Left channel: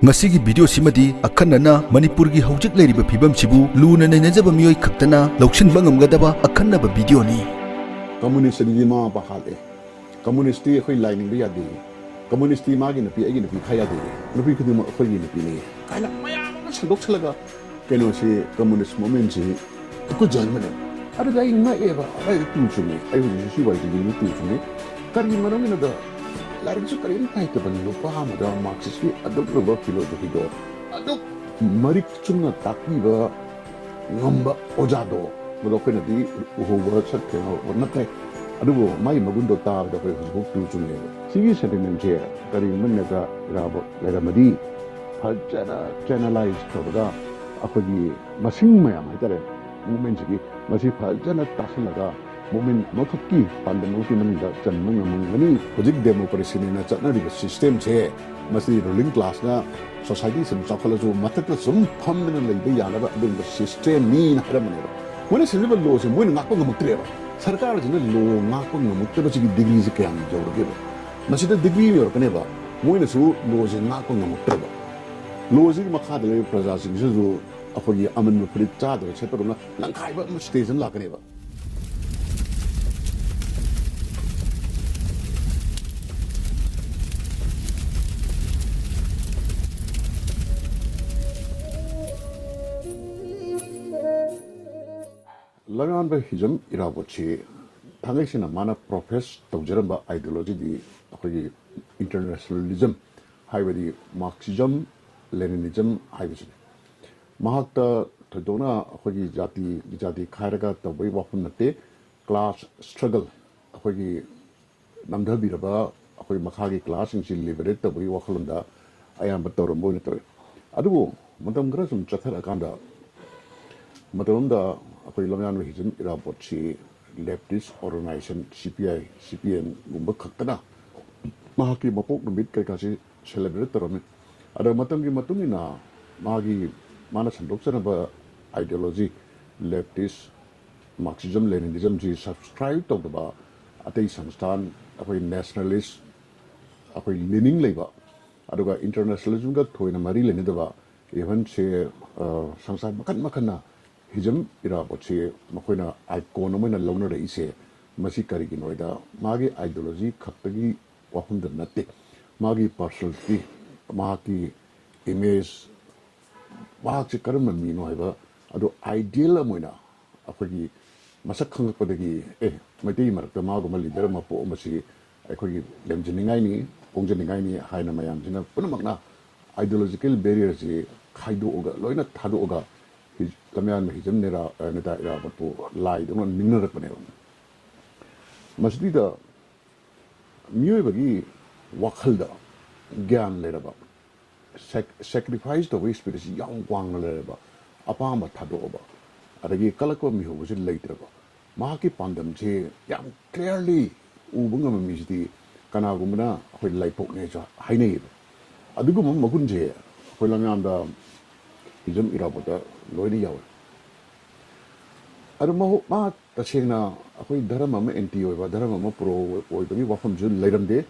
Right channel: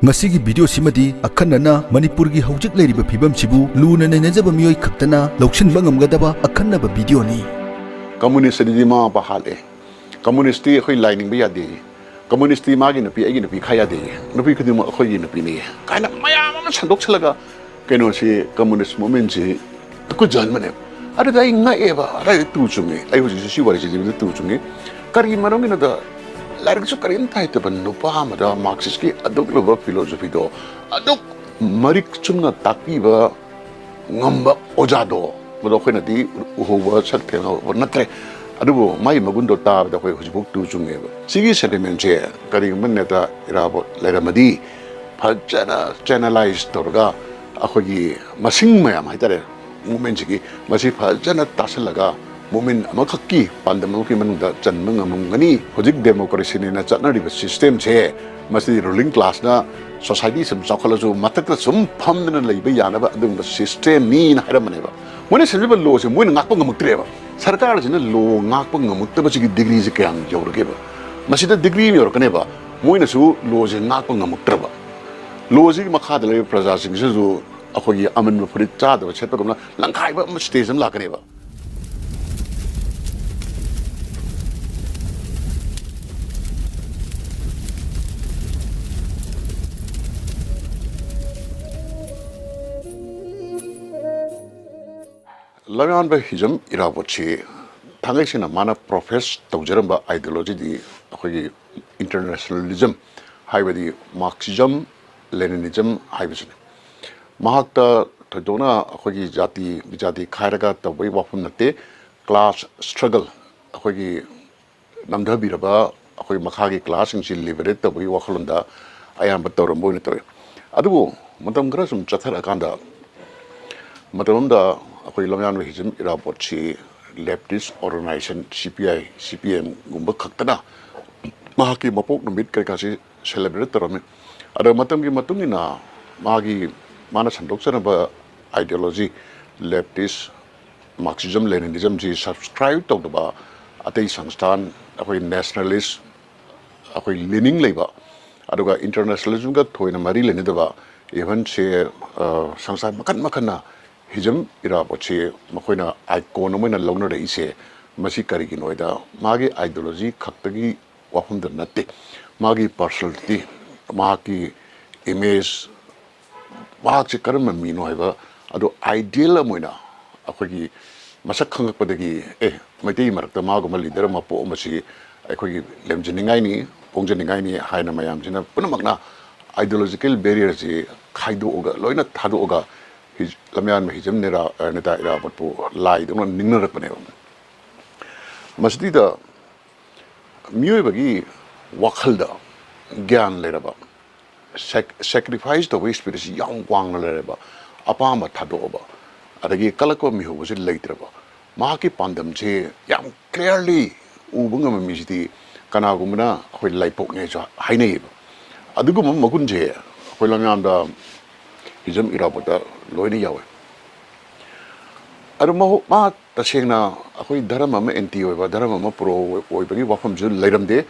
Masigi video simadi Akhannana Manipurgi hojik leiriba phibam sibu luna nainajaba mioi khaktana lauchin bangamgadaba Akhannaba video ni communist di ma pa hale communist ti khoi lining ba yade communist ti ma gi na pi agi na pi khaya de na pi khudi ma khoi na pi ni kaila maya ma sandok chalaga keno si communist movement ji ko jan mane ada dai nga eba ada tu chungi ai ho ji si wari ji tu chungi kari marong na da larg so karin thai te ban no pa ma da marxist ki adok lo philosophy do adok marik chunga takpi ba ngamba ojado mo khoi na di ho wa chat ke na natre adugo mai magundo ta da khoi hujibuk tu chunge ba sigi sentiment je kari man ne da irabo leramadi phajana channelize torga akhoi masing mayam haitare movement ji masi phajana tasalaga movement amakaki pandam ki manungda chanmang amungani hojik democracy ne na chatnari ba system je masi ruling class na society sum chakhalajo matak sum phamdana leiba yana ba adum system ni na haramane ba mone selba law se moina ngakpa ngamuktre ba sarkar jina law ngakpa ngamukta ba chi degree je kyang jawrge ba masi da degree mi orkane ba moina su law je ngakpa ngamuktra ba law ji makha da le praja sing ju akhoi aman furit cha da chetpa gumna langkhai ba station la kane ba Lagan ba Hijam irabochi thangaisina mana profess tawjaramba ideology di akhoi internationalism haibadi marxism leninism haibasine mahakta thadona akhoi jati khairaga tabai wafum nate class struggle akhoi namdhabiraba akhoi makhagi class sing liberate tabai wakhalunda ayamba tawrambo ne tawe adugo matam gra sum chathara kanda matamda akhoi lamyan hijam irabochi leftist organization CPM gumba khaktana mahaki mapok numit kai kasi celebrate tarame ada matam gi matungina magi mana sandokchana ba ideology leftist marxism leninism ji subscribe to ba atei sangstan akhoi nationalist akhoi leaning leiba aduga internationalism ga thoina mari lenidaba even se sangstan makan Hijam irabochi makoina icon moina longna reise masi karigi noida magi ideology khaktagi wahumda natte magi personality magi image magi karma mino haiba ado ideal moina akhoi masak khangakpadagi maitei marakta mago leader ma po masi akhoi lemjiningai ni pongjiningai ni haina mayam jina punamakna ideological barrier ji khaido oga loina thado oga lamyan hijam nera neta ira patpo lai dong ningna rakpane masdi da mioi bagi wakhalda gyan leraba sacrifice the waste spirit yang wang leraba apa ma thado ba adagi kalako mi ho was leitraba ma ki pandam che yang clearly ubunga mi jiti kana gumna hoi laipok ne cha hainei adugum magun je hoi lamyan da Hijam irabota loini yawe aru ma tasengna akhoi dharma ma anti oiba dharma ma pro oibagi wafam ju leiramde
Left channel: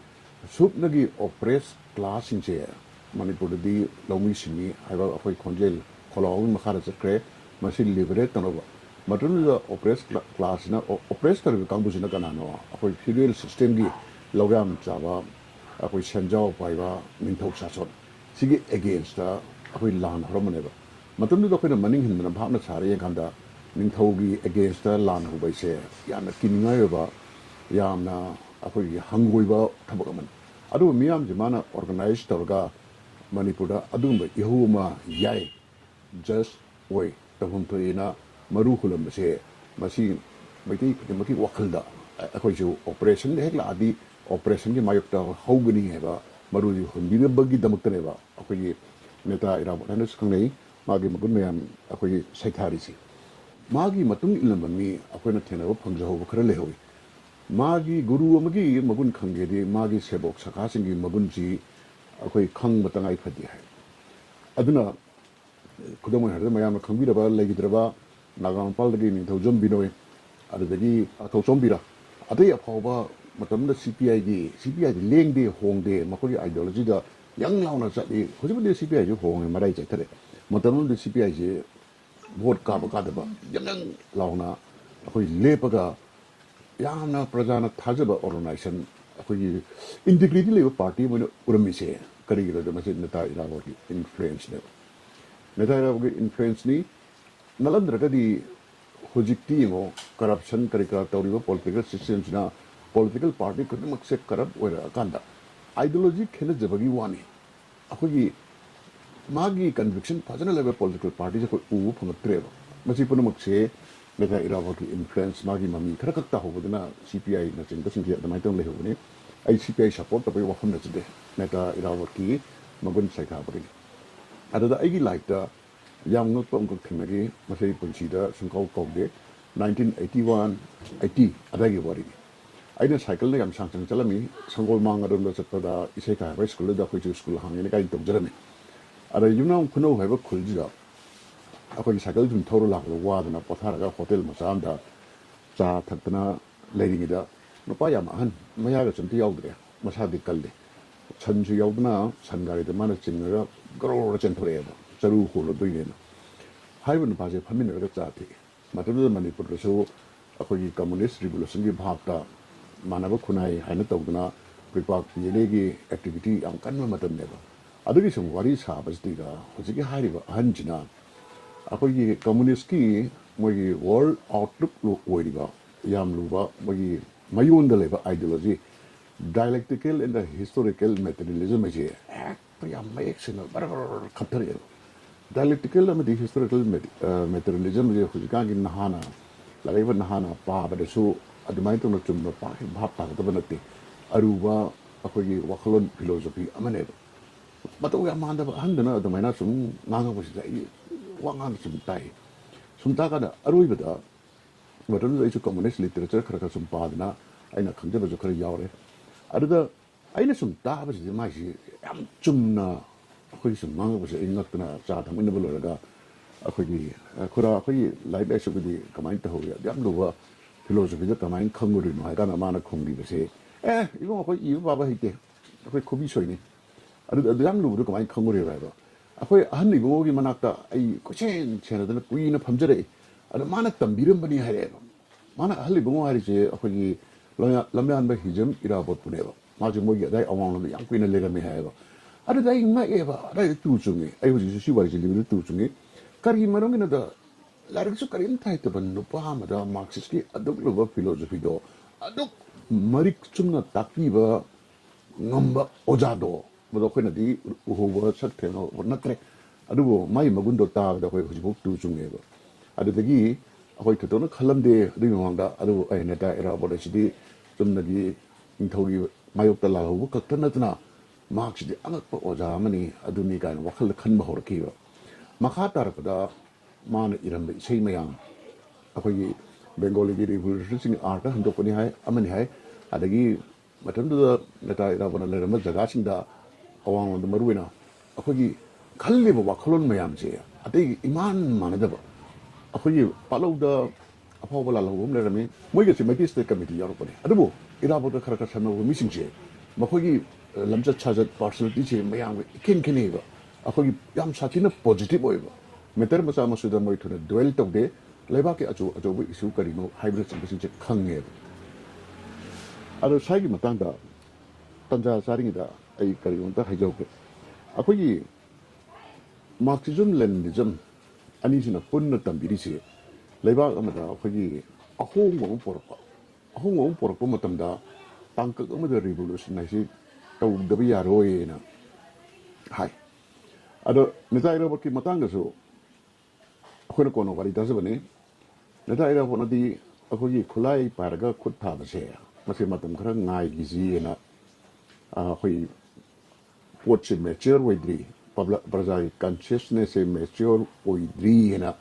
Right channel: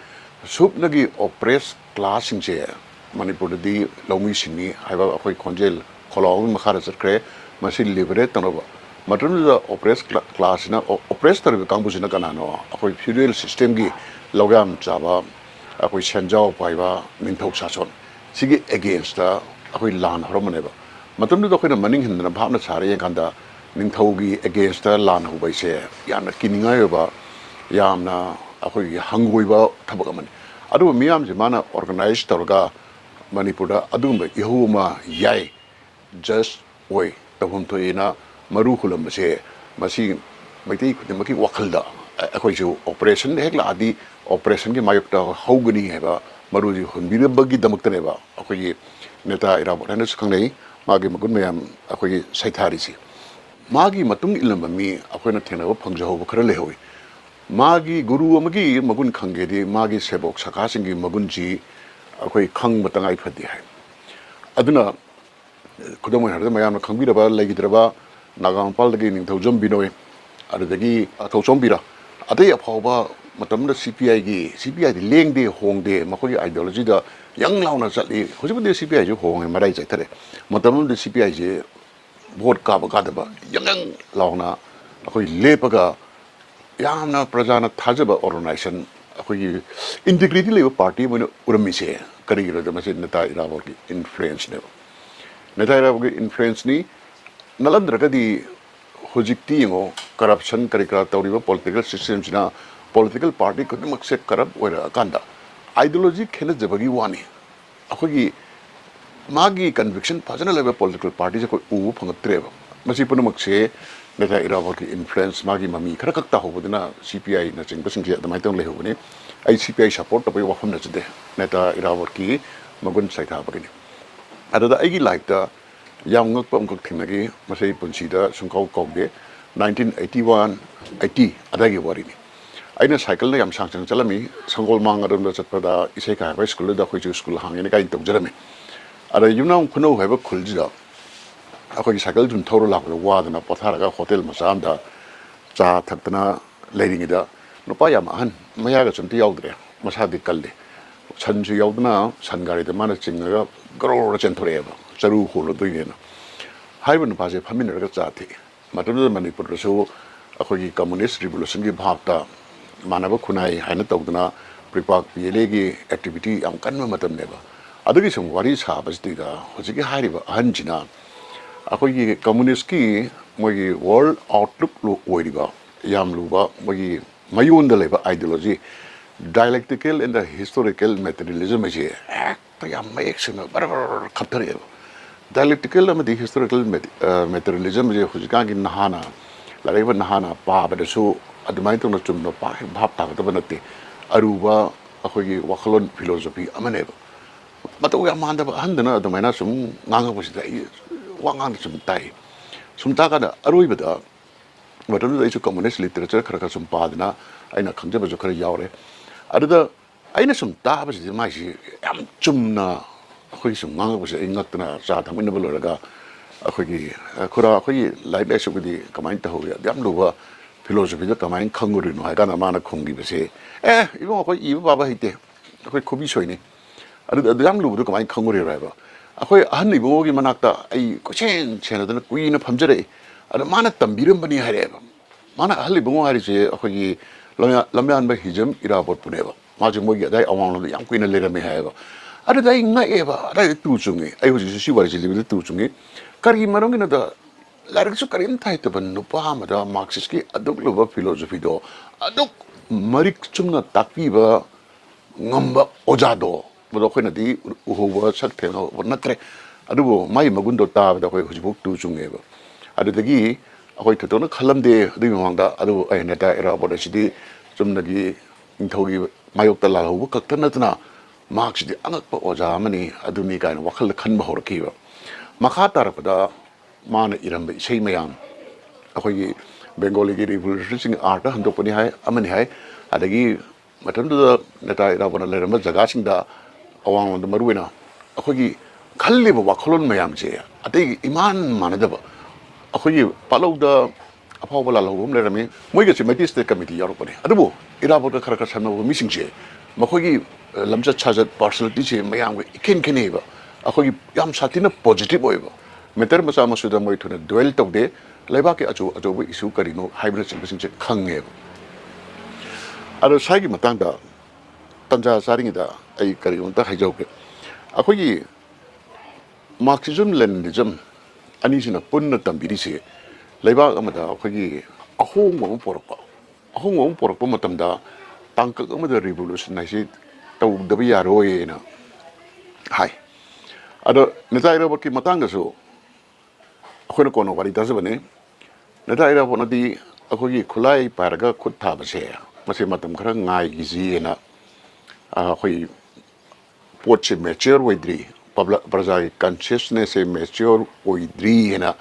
supnagi oppress class singche manipur di lomi sini haiba akhoi khonjel kholong makhara chakre masi liberate tanoba matrum da oppress class na oppress tar kangbu sina kana no akhoi feudal system gi logam chaba akhoi senjao paiba minthok sason sigi against the akhoi lan horomaneba matamdu da khoina maning hindna bhavna sare kanda ningthaugi against the lan hubai se yana kiningai ba yamna akhoi hangoi ba thabak amani adu miyam je mana organize targa manipura adumba ihuma yai just oi tabum to ina maru khulam se masi maitei khudimaki wakhalda akhoi ju operation hekla adi operation gi mayokta haugani heba maru ji hunbira bagi damakta ba akhoi neta ira bodane sukhangnei magi magun mayam akhoi saithari si magi matung ilamba mi akhoi thena phangjaho khara lehowi magi guru amagi magun khangge di magi sebok sakha singi magun ji akhoi khang matangai phadi hai aduna khudamoi harda mayam khangbira ba legidraba nagampal dagi ning thojom binoi adagi thojom bira adai aphawa matamda CPI di lengde hongde makhoi ideology da yang launa chali hojibudi CPI je hong marai chai thare matam de CPI je vote ka ba ka da ba yang launa akoi lepaga yamna prajana thajaba organization akoi integrity level party mo urami se kari ro da mase neta irabor ki influence ne neta irabor ki influence ni nalandra ka di hojikti ngo corruption kari kra tawriba political system sina political party ko mak se corrupt oira kanda ideology khena jabagi wani akoi magi conviction phajana level political party ko u phangatre ba masi punamak se neta irabor ki influence magi mami khara kakta hobudina CPI na chingba singse adamai tong lehubuni ai CPI support tabai wafam na chde neta irabor ki magun saitha bagini adada aigi like da yang ngak pam kak thimagi masai punsida sungkau kaude 1981 80 adagi warini aina cycle na yam sangchang chalami sangol mang arum da chatpada isai ka high school da khoi school hangene kai tongjarami ada yumna kuno haiba khuljida akoi cycle jun thoro la ko wadana patharaga hotel masamda cha thakna leiringida nupa yam han maya ga chunti yaudre masadi kalle chanju yaudna sangari de mana chinga gro chenthoreba charu holo doigena haiban paje phaminra cha thi matadu manipur so akoi communist revolution gi bhakta manaba khunai haina tawdna pripak pele gi activity am kanma matam neba adagi sum wari sa basdiga hojigi hariba hanjina akoi communist ki moi world outlook lo oiriba yam luba moi mayonda leba ideology dialectical and the historical materialism je to yam mayek sima bar khathare dialectical and the historical materialism je hujika gi nahana lareba nahana pa ba su adumai to na chumno pa bhap ta ta banate aruba akoi wakhlon philosophy amane mataw ya manda handana adumaina sum nganga busida wangang sumta kana aroibada matam da communist literature khara sum padna aina khangja bajo khara yaure adada aina sumta basi mai si yam chumna khoi sum ngang basi ingakna cha thamin boloraga akhoi khura khoi life lesson di kamain ta hoya yam luwa philosophy da kamain khanguri no ha kana mana khongi basi ibo khoi ibo baba hite khoi khobi soini adada yam luwa kamain khanguri raiba akoi ahan ibogi manakta ai kochen chenadana kuina phamjare ada mana tambiram bani hareba mana ahli bungo hari je akoi lamyan ba hijam irabot puneba maji mogi dai awang lo yang kuina lera me haiba ada dai nga eba ada tu chungi ai hoji si wari ji libi tu chungi kari marong na da larik su karim thai to ban no pa ma da marxist ki aduk lo ba philosophy do aduk marik chungna takpi ba ngamba ojado bodo khoi na di uhowa sak theno natre adubo mai magundo ta da khoi hujibuk tu chungeba adudagi akoi thotona khalamde dui mangda adu ai neta era bodo sidi chumnagi inthogi mayok ta la hobu kaktana tna marks di angakpa oja mani aduni kain wakhal khanba horkiba makha tarpada mana iramba sei mayam akoi bengali gi revolution art handopani hai amani hai adagi matamda neta era bodo leramba jaga singda awang the maruina akhogi khalli ba wakhlon mayam je atei iman manadaba akhogi palauda aphaw bala lobum le rami moiga semati state committee yaro pane adubo irabo da khara khara no missing je makhogi lamcha chajat personality je mayam iken keneba akhogi yam satina positive oiba meter masa masuda moi thuna duel tawde leba ke ajo bo issue karino hybrid sing je khange aro saigi matangda tanja saringida ai kari unta haijauke akoi marxism leninism ani sina punna tambiri se leiba amada akoi ahong porokpa matamda tangka amada revolution nai se tau dabi yaroi na hai ado netaira baki matanga so akoi kono wari dasbane netaira bonadi akoi khulai paraga khutha base mase matam khara ngai gizi na akoi poche mature oidri praja consciousness e mature oidri hena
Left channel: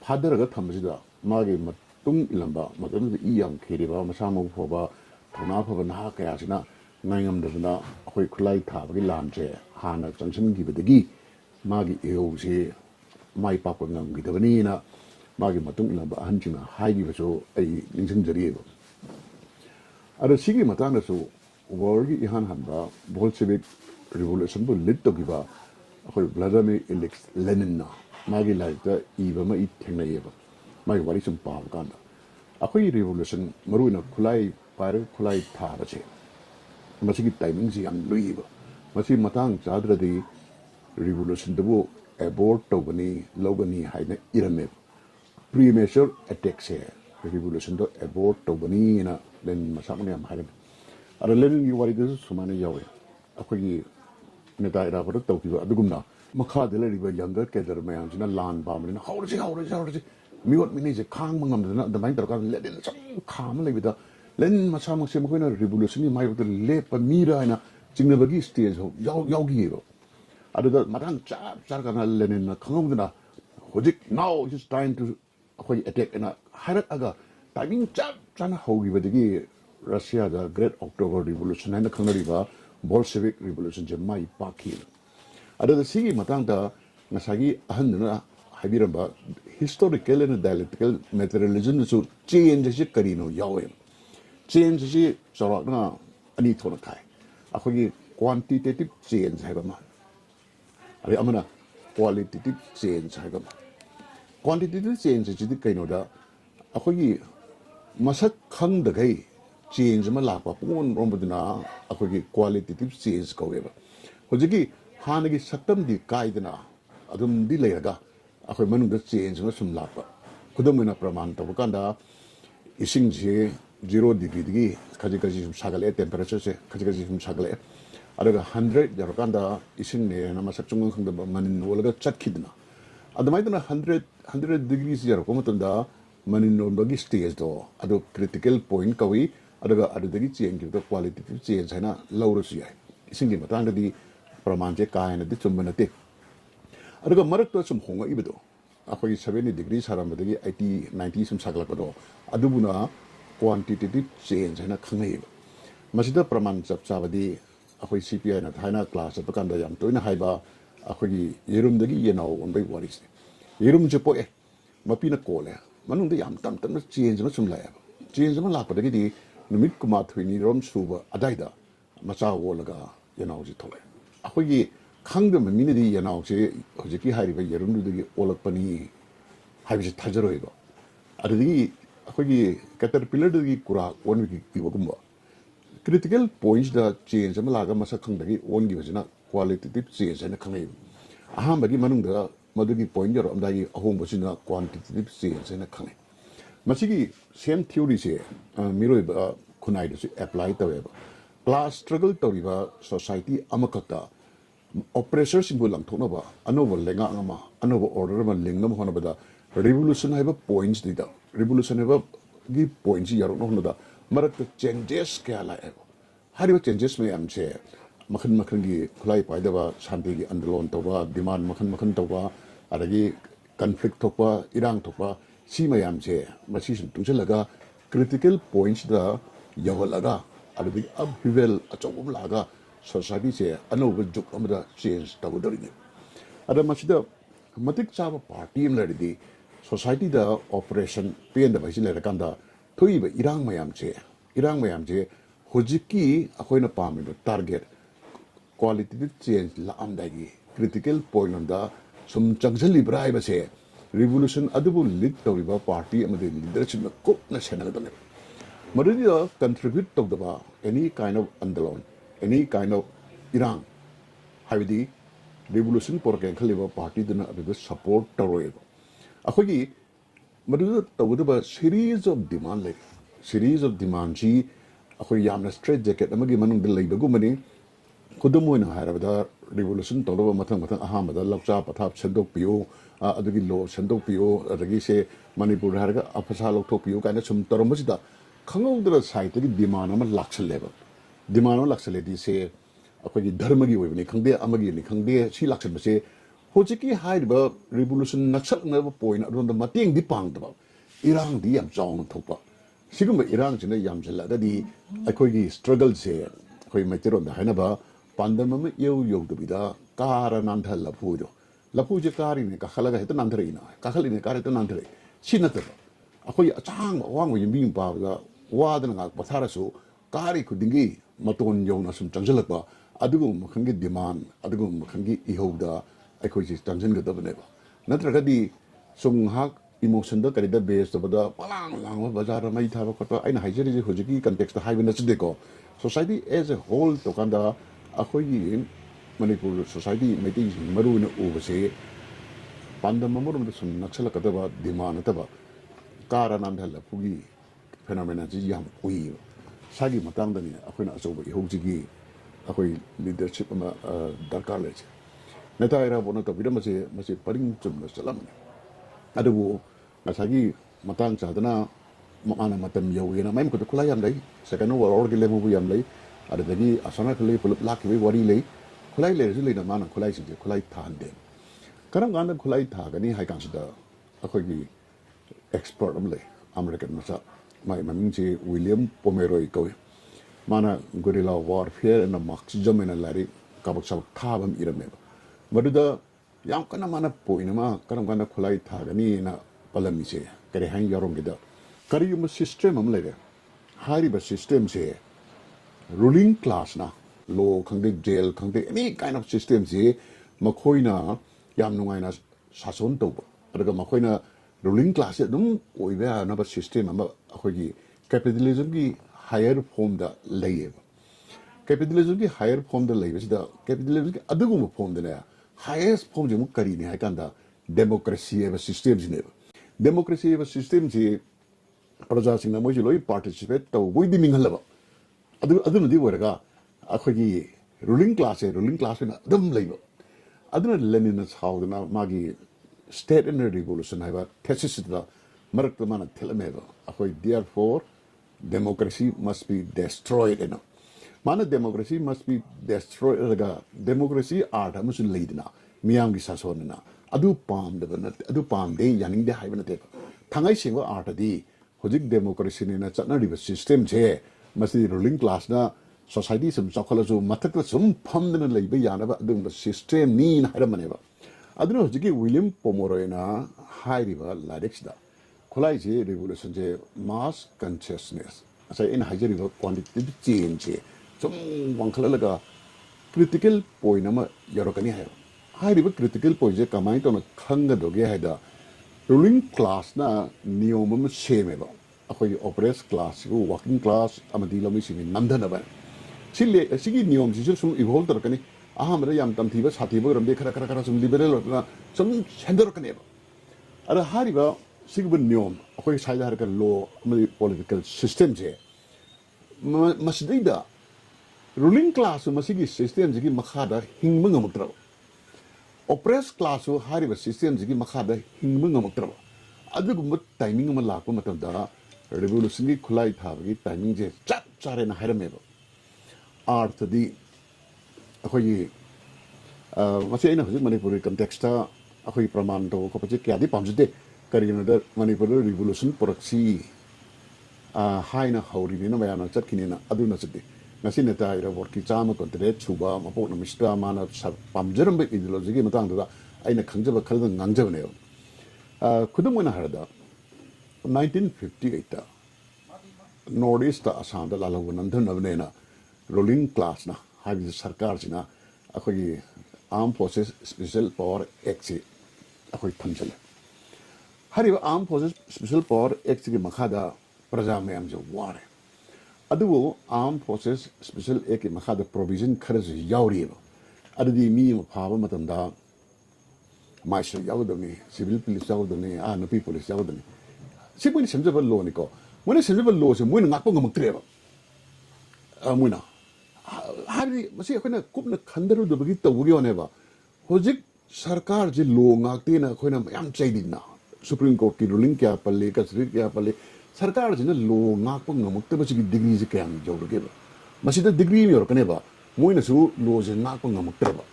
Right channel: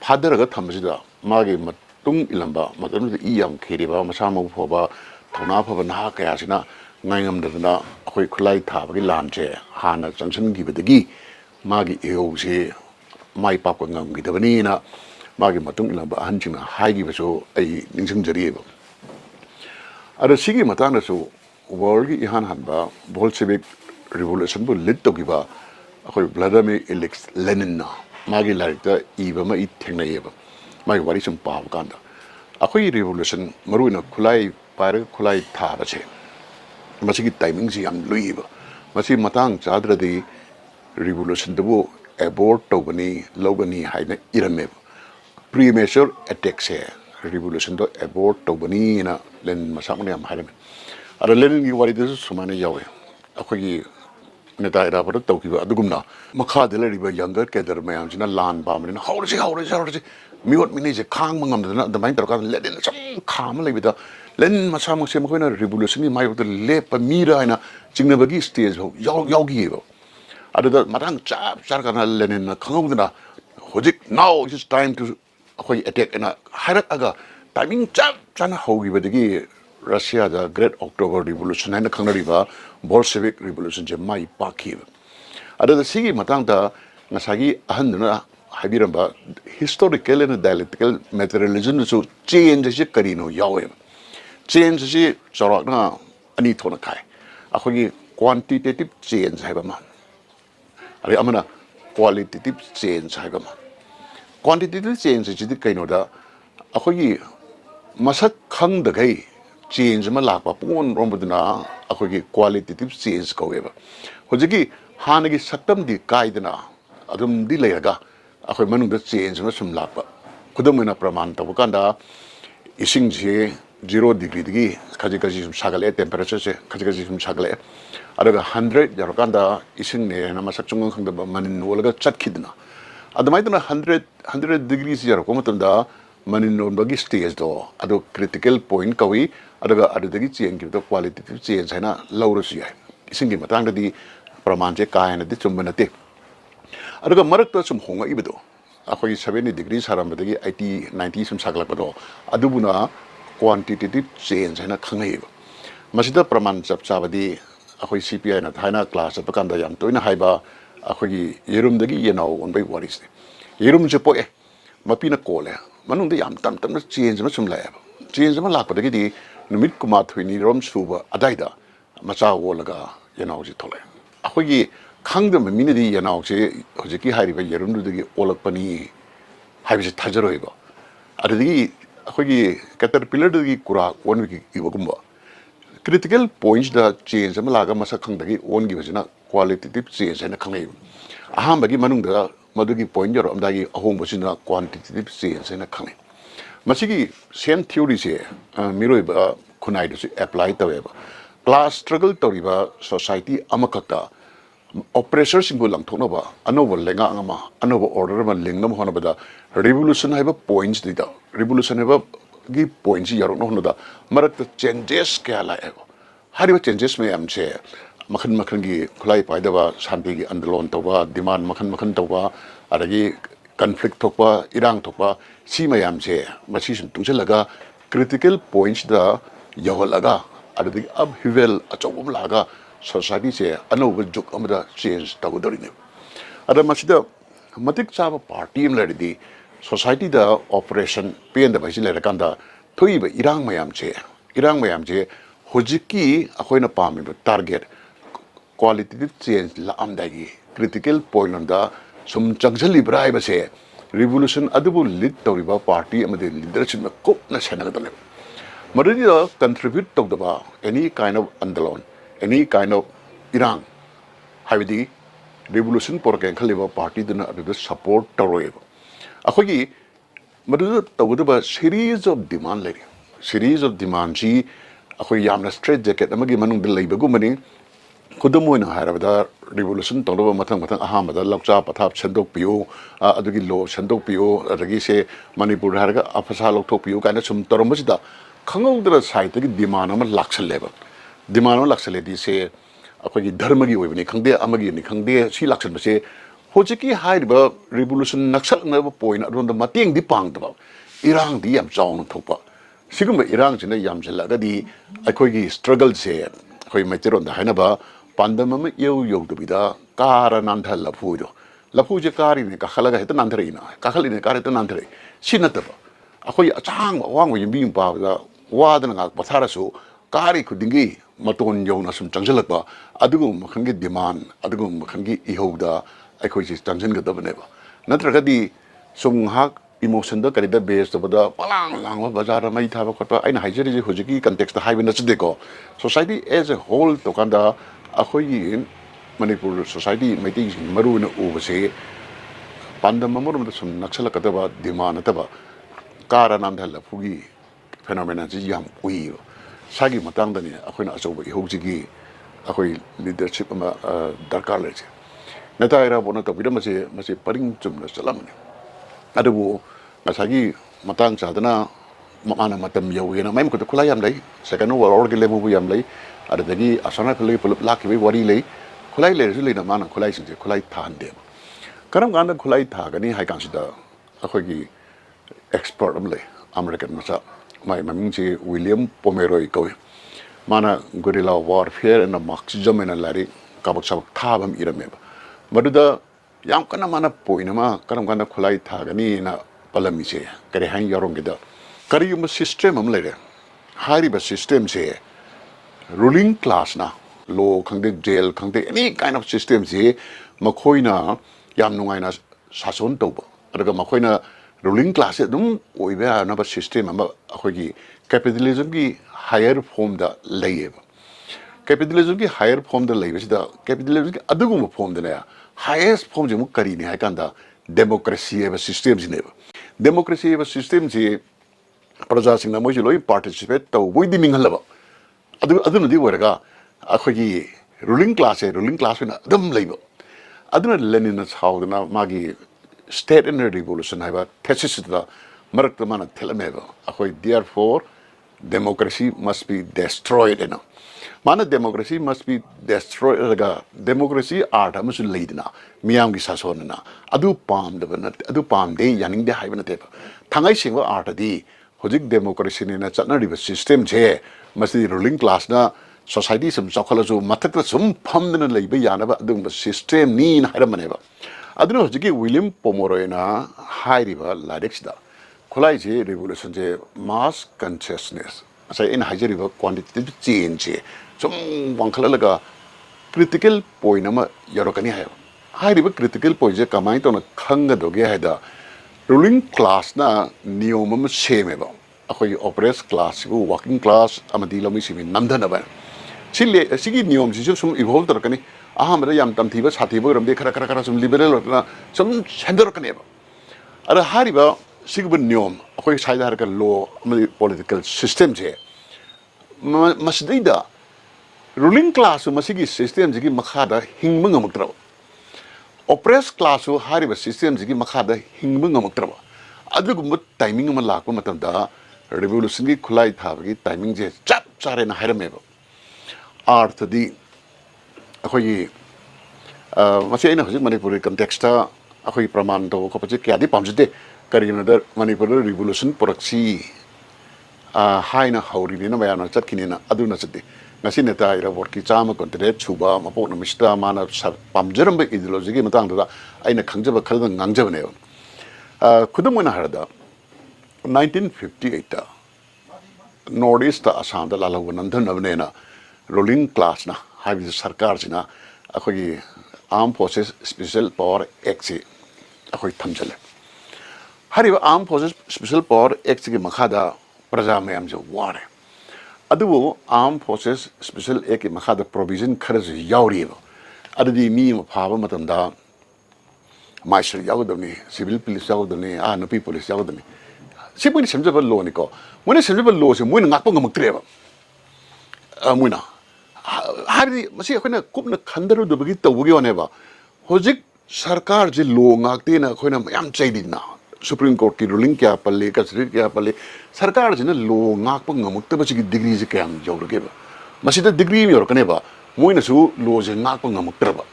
father ga thamjida mage matung ilamba matung I yam kheriba masama phoba thona phoba na kaya sina ngaingam dana akoi khulai thabagi lamche hana junction gibadagi mage eo se mai pap ko ngam gidabani na mage matung ilamba hanjina haigi beso ai ningsang jarieba ada sigi matana so world ki ihan hanba bolshevik revolution bu lead togiba akoi Vladimir Ilyich Lenin na magi larikta iba ma I thengnayeba magi wari sum paw kanda akoi revolution maruina khulai pare khulai thara che masigi timing si am luiba masi matang chadradi revolution bu abort tobani logani haina irame premature attacks here revolution do abort tobani na len masamne am haime ara len gi wari desu sumane yawe akoi neta ira par tawkiba adugumna makha de leriba younger kader mayam jina lan bamrina hawrasi miot mini je khang mangam dana damain tarka len sam kham lebida len masam se makoina revolution ni mai bot le pa mira ina chingna bagi stage ho yogi go adada matang chap sarkana len na khangudna hojik now it is time to akoi attack ina harak aga timing chap chana hogi badagi Russia the Great October Revolution and the Kanariba Bolshevik Revolution Jemai Pakir. Ada the Sigi Matanga Nasagi Ahandana Habiramba historical and dialectical materialism to change the Karino Yawem. Change the Sorana Anitonakai. Akogi quantitative change Habama. Are Amana qualitative change Habama. Quantitative change is the Kainoda Akogi Masak Kang the Gay. Change ma lakpa pon rombudna akogi qualitative change kaweba hojiki hanagi saktam di kaidna adum di leyaga akoi manungda change ma sum lakpa khudamena praman tabukanda ising je 0 degree digi kaji sum sagale temperature se kaji sum sagale adaga 100 yarokanda ising ne na masakchung khangda manin wolaga chatkidna adamaidna 100 degrees yaroko matamda manin bagi stage do ado critical point kawi adaga adagi change the qualitative change haina lawrusi hai isingi matang di pramanje kaina di chumbanate adaga marakta sum honga ibedo akoi 70 degrees harambadagi 80 90 sum saglakado adubuna quantitative change haina khangai masida praman chapchabadi akoi CPI na haina class apakanda yam toina haiba akoi yerumdagi yenau onbai waris yerum je poe mapina kole manungde yam tam change ma sum la change ma lakpadagi di numit kumathwini rom suba adaida macha wolaga yanau ji thole akhoi khangdam minidi yanau se hojiki hariba yerumdu digi olakpani haibi thajaroiba adigi akhoi caterpillar digi kura onwi ibagumba critical points da change ma laga masa khangdagi ongi bajina qualitative change na khangai ahambagi manungda madugi point yor amdagi ahongbosina quantitative change na khangai masigi same theory se miroi ba kunai do apply taweba class struggle toriba society amakakta oppressor single lang thokna ba anobo lenga ngama anobo order ma lingnam hona bada revolution haiba points dida revolution haiba gi points yaro no da marak changes kya la ego hariba changes me am che makhan gi khulai paida ba shanti gi andalon tawa demand makhan tawa adagi conflict thokpa irang thokpa si mayam che machi sun tungchalaga critical points da yawalaga adagi upheaval achobum laga society che anoba juk amada change tagodorine ada masida matik chaba party em ladi society da operation pen da bajile rakanda thoiba irang mayam che hojiki akoina pami target qualitative change la amdagi critical point on da sum changzali brai ba se revolution adubu lead toriba party amade leadership na kop na senagadale madadi da contribute togdaba any kind of andalon any kind of irang habidi revolution porken khaliba party duna adu support toroeba akogi madadu togdaba series of demand ji akoi yamna straight jacket amagi manung dil leibagu mani kudamoina harabada revolution toloba mathang ahamada lakcha pathap chandok piu adugi lo chandok piu adagi se manipur haraga afasa lokthok piu kaina sum toromsida khangawdra site gi demand ama laksale di se akoi dharma gi oibani khangde amagi ni khangde si laksan base hojiki haiba revolution naksal na point adonda mateng di pangdaba irang di yam chaung thokpa sigumba irang china yam jalaga di akoi gi struggle se akoi maicheron da hainaba pandamama yo dobida kara nantha lapu je kari ne kakhalaga heta nanthreina kakhaline kare ta nanthre sinataba akoi achang wang wi bing pa da wadana ga pathara su kari khudingi maton yong na sum changjal ba adugum khangi demand adugum khangi ihoda akhoi ji changjin ga dabne ba natra di sum hak emotion da karida based da palang lang bazar mai tha ba khotwa aina haijeri ji hojiki context da haiben na chde ko society as a whole to kanda akhoi manipur society meeting maru na ubase pandam mamurum da sum naksala kadaba demand ta ba kara nam dhal phugi phenomena ji yam ui sagi matang dani akhoi na achoba ihojigi akhoi leadership ama darkar le che nata era bona to bidam se mase paring chum na salam ne adabu ngasagi matang chadana mana matam yawi na mai ko khulai yam lai second war or gele mu yam lai ada dagi asana khulai pulap lak bi wari lai khulai le ri na mana khulai sing khulai than de karam ganda khulai tha gani hai kang sida akhoi gi expert am lai american masa mai maming chi William Pomeroy ko mana guerrilla warfare and marxism in a lari kabak sabak thabam irame maduda yam kana mana poina ma karam ganda khulai tha gani na palami che kare hang yorong gida kari yum system am lere hari ba system che ruling class na law khangde jail khangde any kind of system che makhoina yam nungai na sason toba adaga makhoina ruling class dum oiba na ba system am akhogi capitalism gi higher form da layeba capitalism gi higher form da layeba sida capitalism gi adugum form da na highest form je mu kari ni haikanda democracy eba system jineba democracy eba system je praja singna mo loi participate to boidi mingalaba adu di waraga akhogi ruling class na dum laiba aduna lenin na chaudna magi state and revolution haiba thesis da marak mana thelameba akhoi therefore democracy must be destroyed you know mana democracy must be destroyed raga democracy art amasu leidna miyam gi sasona adu pam de yaning de haiba na te thangai singwa art di hojik democracy ni na chana riba system je masti ruling class na society sum chakhala ju mathak ta sum pham na leiba yana ba adu system ni na haira maneba aduna hojiki William Pomeroy na hairiba lyrics da khulai je revolution je mass consciousness asa in hajari ba quantitative change je sum wangkhala laga critical point ama yorokani hai hairiba critical point je kamai to na khanga doge haida ruling class na niyom am seme ba akhoi oppressed class go working class amadi lomi simi namdana ba sile sigi niyom ji sum evolve tar kani ahamra yam tamthiba sathiba ram de khara sum liberal na sum chendor kani ba ara hariba sigba niyom akhoi saida har ka law amadi political system je masdida ruling class masigi system ji makhada hingma ngamuktra oppressed class hariba system ji makhada hingma ngamuktra adugum timing ma lakpa matamda revolution gi khulai thabagi timing je chap chare na harameba arth di akhoi masi aina hojik manipur context akhoi praman to ko pache kya di pamjite karina dar manipur revolution proxy haina hauri ni na mayana chatkini na aduna chati ngasi neta ira worki chama kontre chuba mapok na mista mana pamjaram ba ideology gi matang da aina khangjaba khalda ngangjaba ne khudum na harda 1958 northeast assam da lalaw nandan nabne na ruling class na habi sarkar jina akhoi armed forces special power act se akhoi thamjale hariba armed forces special power act gi makhada praja mayam je ware adu armed forces special act gi makhada provision kharaj yauri adudi mi ma phaba matamda marshal yaudani civil police yaudani nupi police yaudani sibuni semjaba law ni ko mone semjaba law se moina ngakpa ngamuktreba moina hari masi akhona kupna khandaru dobagi tawgi oneba hojik sarkar je law ngakte na akhona mayam chaidina supreme court ki ruling kya palle kasri kya palle sarkar je na law ngakpa ngamukta chi degree je kyam jawrgeba masi da degree mi yorkaneba moina su law je ngakpa ngamuktraba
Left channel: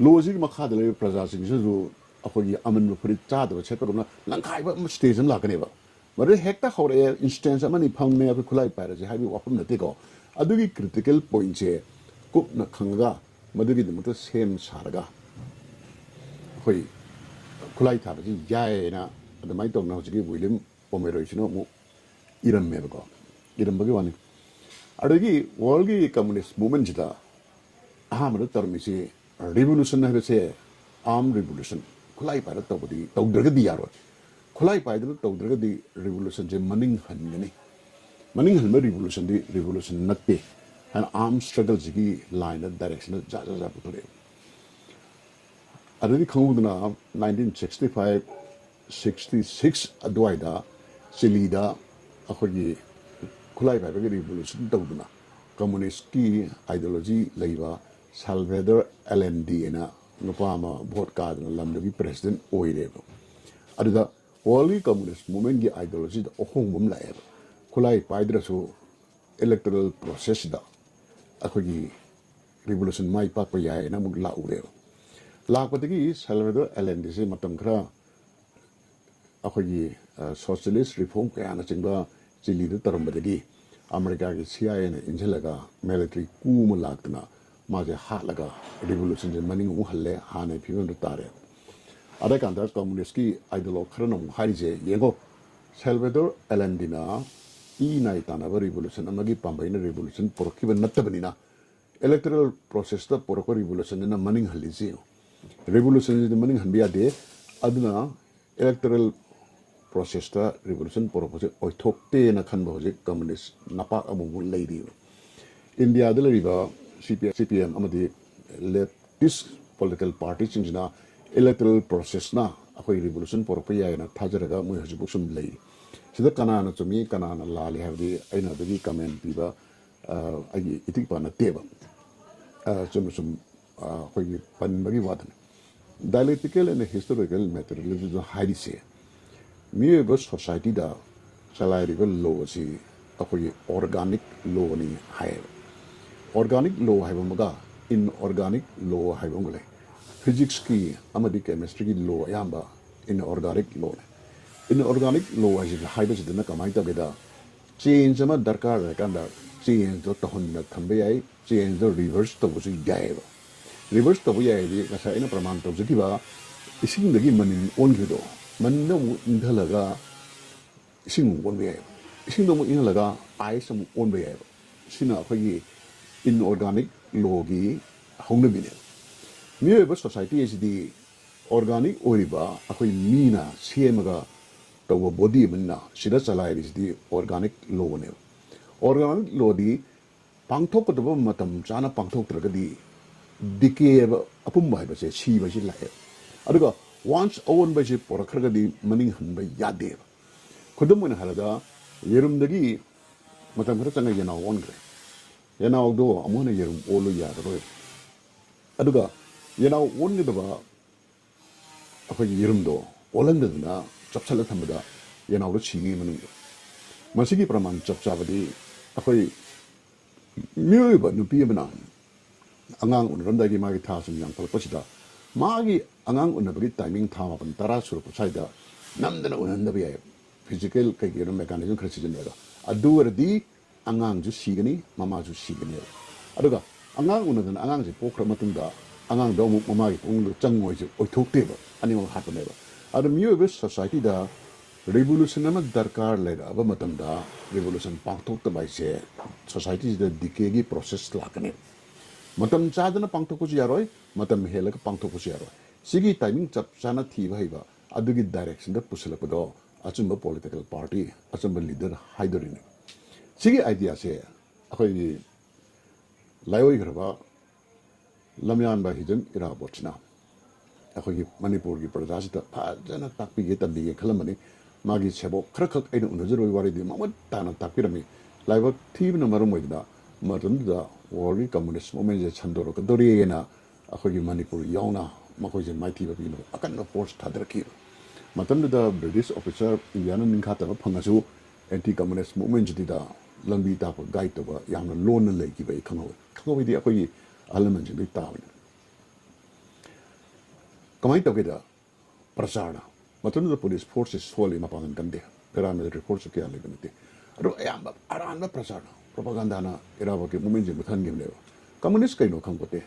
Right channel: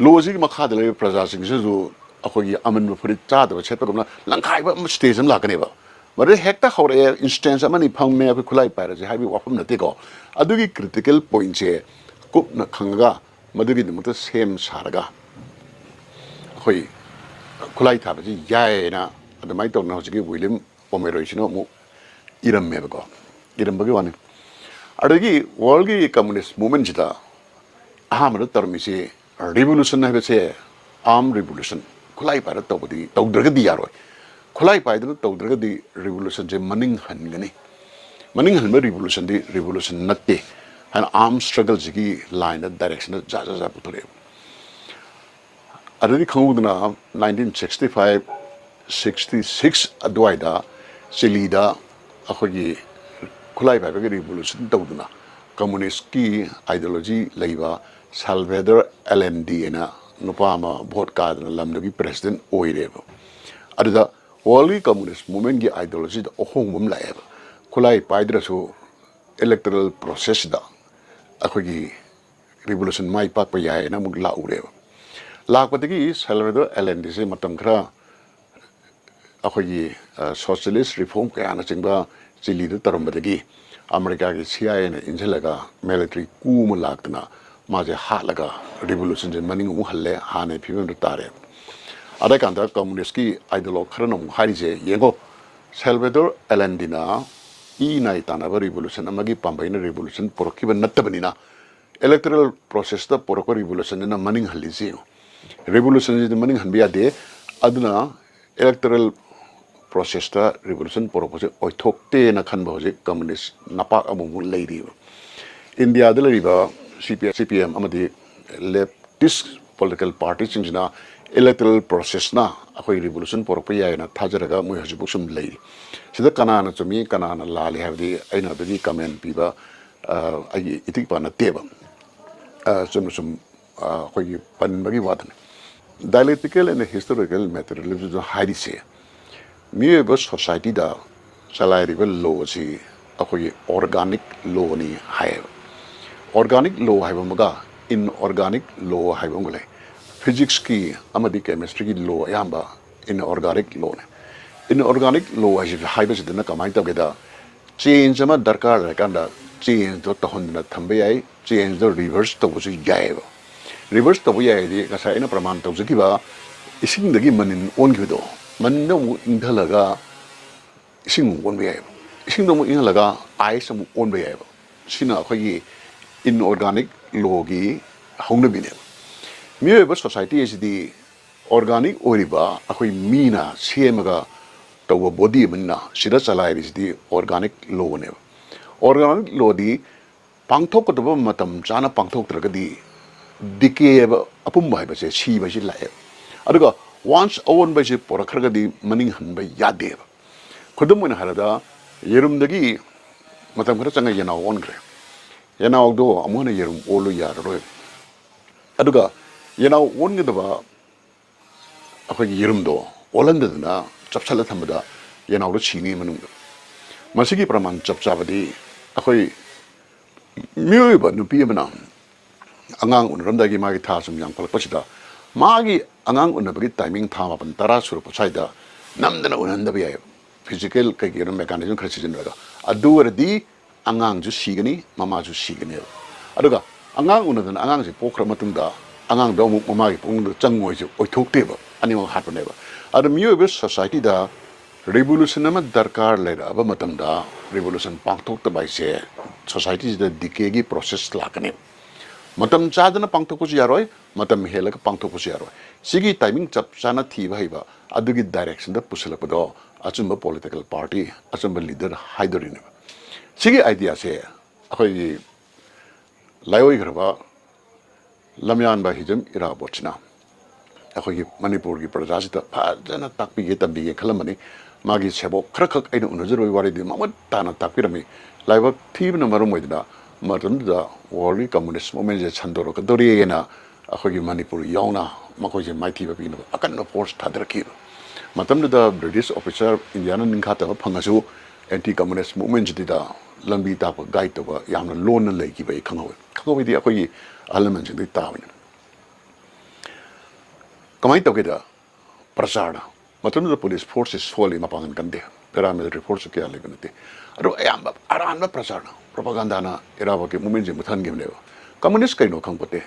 law ji makha de praja sing ju akhoi aman furit cha da chet pa langkai ba stage am lakaneba mare hekta hore instance amani phangme akoi khulai paira je habi wafam na te ko adugi critical point je kup na khanga madugi dumta sem saraga akhoi khulai tha ba ji yae na adamai to na ji William Pomeroy sino mu iram me ba ko iram ba gi wani ꯑꯗꯒꯤ ꯋꯥꯔꯜꯒꯤ communist ꯃꯨꯚꯃꯦꯟꯁꯤꯗ ꯑꯍꯥꯟꯕꯗ ꯇꯧꯔꯝꯃꯤꯁꯤ revolution ꯍꯥꯏꯕꯁꯦ ꯑꯥꯔꯝ revolution ꯈꯨꯠꯂꯥꯏ ꯄꯥꯏꯔ ꯇꯧꯗ꯭ꯔꯒꯗꯤ ꯌꯥꯔꯣꯏ ꯈꯨꯠꯂꯥꯏ ꯄꯥꯏꯗꯅ ꯇꯧꯗ꯭ꯔꯒꯗꯤ ꯔꯤꯚꯣꯂꯨꯁꯟꯁꯦ ꯃꯅꯤꯡ ꯍꯟꯒꯅꯤ ꯃꯅꯤꯡ ꯍꯟꯕ ꯔꯤꯚꯣꯂꯨꯁꯟꯗꯤ ꯔꯤꯚꯣꯂꯨꯁꯟ ꯅꯠꯇꯦ ꯍꯥꯏꯅ ꯑꯥꯔꯝ ꯁ꯭ꯇ꯭ꯔꯒꯜꯁꯤꯒꯤ ꯂꯥꯏꯟꯗ ꯗꯥꯏꯔꯦꯛꯁꯟꯗ ꯖꯥ ꯄꯨꯊꯣꯔꯛꯑꯦꯕ ꯑꯗꯨꯗꯤ ꯈꯪꯍꯧꯗꯅ 1965 66 ꯑꯗꯨꯋꯥꯏꯗ ꯆꯤꯂꯤꯗ ꯑꯩꯈꯣꯏꯒꯤ ꯈꯨꯠꯂꯥꯏ ꯄꯥꯏꯕꯒꯤ ꯔꯤꯚꯣꯂꯨꯁꯟ ꯇꯧꯗꯨꯅ ꯀꯝꯃꯨꯅꯤꯁꯀꯤ ꯑꯥꯏꯗꯤꯌꯣꯂꯣꯖꯤ ꯂꯩꯕ ꯁꯥꯜꯚꯦꯗꯔ ꯑꯦꯂꯦꯟꯗꯤ ꯑꯅ ꯅꯨꯄꯥ ꯑꯃ ꯚꯣꯠ ꯀꯥꯗꯅ ꯂꯝꯗꯨꯒꯤ ꯄ꯭ꯔꯦꯁꯤꯗꯦꯟꯠ ꯑꯣꯏꯔꯦꯕ ꯑꯗꯨꯗ ꯋꯥꯔꯜꯒꯤ ꯀꯝꯃꯨꯅꯤꯁ ꯃꯨꯚꯃꯦꯟꯠꯒꯤ ꯑꯥꯏꯗꯤꯌꯣꯂꯣꯖꯤꯗ ꯑꯍꯣꯡꯕ ꯑꯃ ꯂꯥꯛꯑꯦꯕ ꯈꯨꯠꯂꯥꯏ ꯄꯥꯏꯗ꯭ꯔꯁꯨ ꯏꯂꯦꯛꯇꯣꯔꯦꯜ ꯄ꯭ꯔꯣꯁꯦꯁꯁꯤꯗ ꯑꯩꯈꯣꯏꯒꯤ ꯔꯤꯚꯣꯂꯨꯁꯟ ꯃꯥꯏ ꯄꯥꯛꯄ ꯌꯥꯏꯅ ꯑꯃꯨꯛ ꯂꯥꯛꯎꯔꯦꯕ ꯂꯥꯛꯄꯗꯒꯤ ꯁꯥꯜꯚꯦꯗꯔ ꯑꯦꯂꯦꯟꯗꯤꯁꯦ ꯃꯇꯝ ꯈꯔ ꯑꯩꯈꯣꯏꯒꯤ ꯁꯣꯁꯤꯌꯦꯂꯤꯁ ꯔꯤꯐꯣꯔꯝ ꯀꯌꯥꯅꯆꯤꯡꯕ ꯆꯤꯂꯤꯗ ꯇꯧꯔꯝꯕꯗꯒꯤ ꯑꯃꯦꯔꯤꯀꯥꯒꯤ CIAꯅ ꯏꯟꯁꯤꯜꯂꯒ ꯃꯤꯂꯤꯇꯔꯤ ꯀꯨ ꯑꯃ ꯂꯥꯛꯇꯅ ꯃꯥꯁꯦ ꯍꯥꯠꯂꯒ ꯔꯤꯚꯣꯂꯨꯁꯟꯁꯦ ꯃꯅꯤꯡ ꯑꯃꯨꯛ ꯍꯜꯂꯦ ꯍꯥꯟꯅꯒꯤ ꯐꯤꯕꯝꯗ ꯇꯥꯔꯦ ꯑꯗꯀꯥꯟꯗ ꯀꯝꯃꯨꯅꯤꯁꯀꯤ ꯑꯥꯏꯗꯤꯌꯣꯂꯣഗ് ꯈꯔꯅ ꯑꯃꯨꯛ ꯍꯥꯏꯔꯤꯁꯦ ꯌꯦꯡꯉꯣ ꯁꯥꯜꯚꯦꯗꯔ ꯑꯦꯂꯦꯟꯗꯤꯅ ꯅꯥꯏ ꯇꯥꯟꯅꯕ ꯔꯤꯚꯣꯂꯨꯁꯟ ꯑꯃꯒꯤ ꯄꯥꯝꯕꯩꯅ ꯔꯤꯚꯣꯂꯨꯁꯟ ꯄꯨꯔꯛꯈꯤꯕ ꯅꯠꯇꯕꯅꯤ나 electoral processꯗ ꯄꯨꯔꯛꯄ ꯔꯤꯚꯣꯂꯨꯁꯟꯅ ꯃꯅꯤꯡ ꯍꯜꯂꯤꯁꯤ ꯔꯤꯚꯣꯂꯨꯁꯟꯁꯤꯗꯤ ꯃꯅꯤꯡ ꯍꯟꯕ ꯌꯥꯗꯦ ꯑꯗꯨꯅ electoral processꯗ ꯔꯤꯚꯣꯂꯨꯁꯟ ꯄꯨꯔꯛꯄꯁꯦ ꯑꯣꯏꯊꯣꯛꯇꯦꯅ ꯈꯟꯕ ꯍꯧꯖꯤꯛ ꯀꯝꯃꯨꯅꯤꯁ ꯅꯄꯥꯛ ꯑꯃꯃꯨꯛ ꯂꯩꯔꯤꯕ ꯏꯟꯗꯤꯌꯥꯗ ꯂꯩꯔꯤꯕ CPM ꯑꯃꯗꯤ ꯂꯦꯐꯇꯤꯁ ꯄꯣꯂꯤꯇꯤꯀꯦꯜ ꯄꯥꯔꯇꯤꯁꯤꯡꯁꯤꯅ electoral processꯅ ꯑꯩꯈꯣꯏ ꯔꯤꯚꯣꯂꯨꯁꯟ ꯄꯨꯔꯛꯄ ꯌꯥꯏꯅ ꯊꯥꯖꯔꯒ ꯃꯣꯏ ꯍꯧꯖꯤꯛꯐꯥꯎ ꯁꯨꯝ ꯂꯩꯔꯤ ꯁꯤꯗ ꯀꯅꯥꯅ ꯆꯨꯝꯃꯤ ꯀꯅꯥꯅ ꯂꯥꯜꯂꯤ ꯍꯥꯏꯕꯗꯤ ꯑꯩꯅ ꯑꯗꯨꯒꯤ ꯀꯃꯦꯟ ꯄꯤꯕ ꯑꯩꯒꯤ ꯏꯇꯤꯛꯄ ꯅꯠꯇꯦꯕ ꯆꯨꯝꯅ ꯁꯨꯝ ꯑꯩꯈꯣꯏꯒꯤ ꯄꯟꯕꯒꯤ ꯋꯥꯗꯅꯤ dialectical and historical materialism ꯍꯥꯏꯔꯤꯁꯦ ꯃꯤꯑꯣꯏꯕ ꯁꯣꯁꯥꯏꯇꯤꯗ ꯆꯂꯥꯏꯔꯤꯕ ꯂꯣ ꯑꯁꯤ ꯑꯩꯈꯣꯏꯒꯤ ꯑꯣꯔꯒꯥꯅꯤꯛ ꯂꯣꯅꯤ ꯍꯥꯏꯌꯦꯕ organic law haiba maga inorganic law haiba ngule physics ki amadi chemistry ki law ayamba inorganic law ne inorganic law haiba sidana kamai tawgeda change ama darkar rakanda change to tahonna thambe yai change the reverse to busu yaiba reverse to yai di kasa ina praman tawjikiba ising dagi manin ongido manno indhalaga ising onbe yaiba ising do indhalaga ice mu onbe yaiba sina akhoi inorganic law gi haunabine miyoba society asidi organic oriba akhoi mina semaga tawa body minna sida chalai bisidi organic law ne organic law di pangthok ko matam chana pangthok tragadi decay apum bai base si ba si lae aduga once own ba si porakhagadi maning han ba yade khudum na harada yerum dagi matam khara changa yana on gre Yanaudo amuna yerum olu yaroi aduga yanau wongedaba akhoi yerumdo olandadna chapsala thamada yanaudo chini manung masigi praman chapchabadi akhoi miyoiba nupi amana angang unramdagi magi thasum yang palakpasida magi angang unabagi timing thama pan tara surup saida namdana unandabi ay physical kay mechanism khasijinraga aduwardi angang ju sigani mama ju sigani aduga angang unadana angang ji pokra matungda angang do mu mama gi pung changoi ju oithokte ba ani ma hatne ba adu miyobe society da revolution ama darkar lera aba matamda revolution pangthok ta bai se society da decay gi process lakane matam chadana pangthok ko yaroi matam helaka pangthok ko yaroi sigi timing chap chana thi ba hiba adugi direction da pusilapado achumba political party achumba leader haidorin Sigi idea se akhoi Laiwa Kharaba lamyan ba Hijam ira bochna akhoi Manipur gi prajasita phajana takpi ge tambi ge khalamani magi chebo khrakhak aina unajroi wari di mamat tana takpirami Laiwa thibna marum moidna matamda world communist movement je chandoro ka dori ena akhoi Manipur yauna makoi je maithi ba pino akan force thadrakhi matamda British officer Indiana ninkhata phangasu anti-communist movement jidida lambi tapa guide to yamna lona leki bai khangoi di akhoi element jidi tawin kamai tawgeda prasarna matam the police forces solely mapangan kande paramilitary force ke ale ganate aro ayamba arana prasarna propaganda na iraba ke movement je muthan ge ne communist kaino khangpote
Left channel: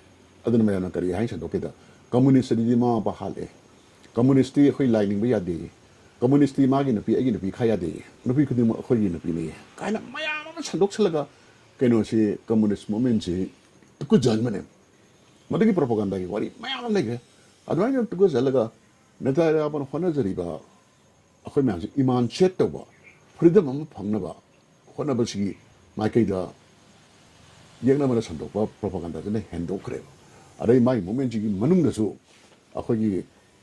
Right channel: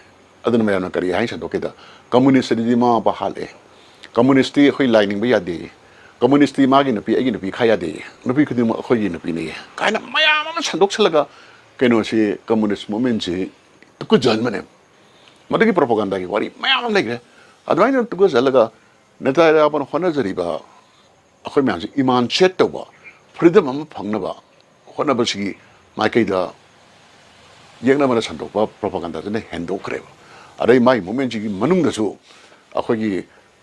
aduna mayana kari hain san dokeda communist di ma ba hale communist ti akhoi lining ba yade communist magi napi agi napi khaya de napi khudi ma khoi napi ne kaina mayam ma sandok chalaga kenosi communist movement si tuku jalmane madagi propaganda ki wari mayam legre adwaina tuku jalaga neta ra ban khona jariba akhoi myam si iman chet ba freedom am phangna ba khona ba si mai da yengna mana sandok ba propaganda ne hendo kre adai mai movement ji manung da su akhoi gi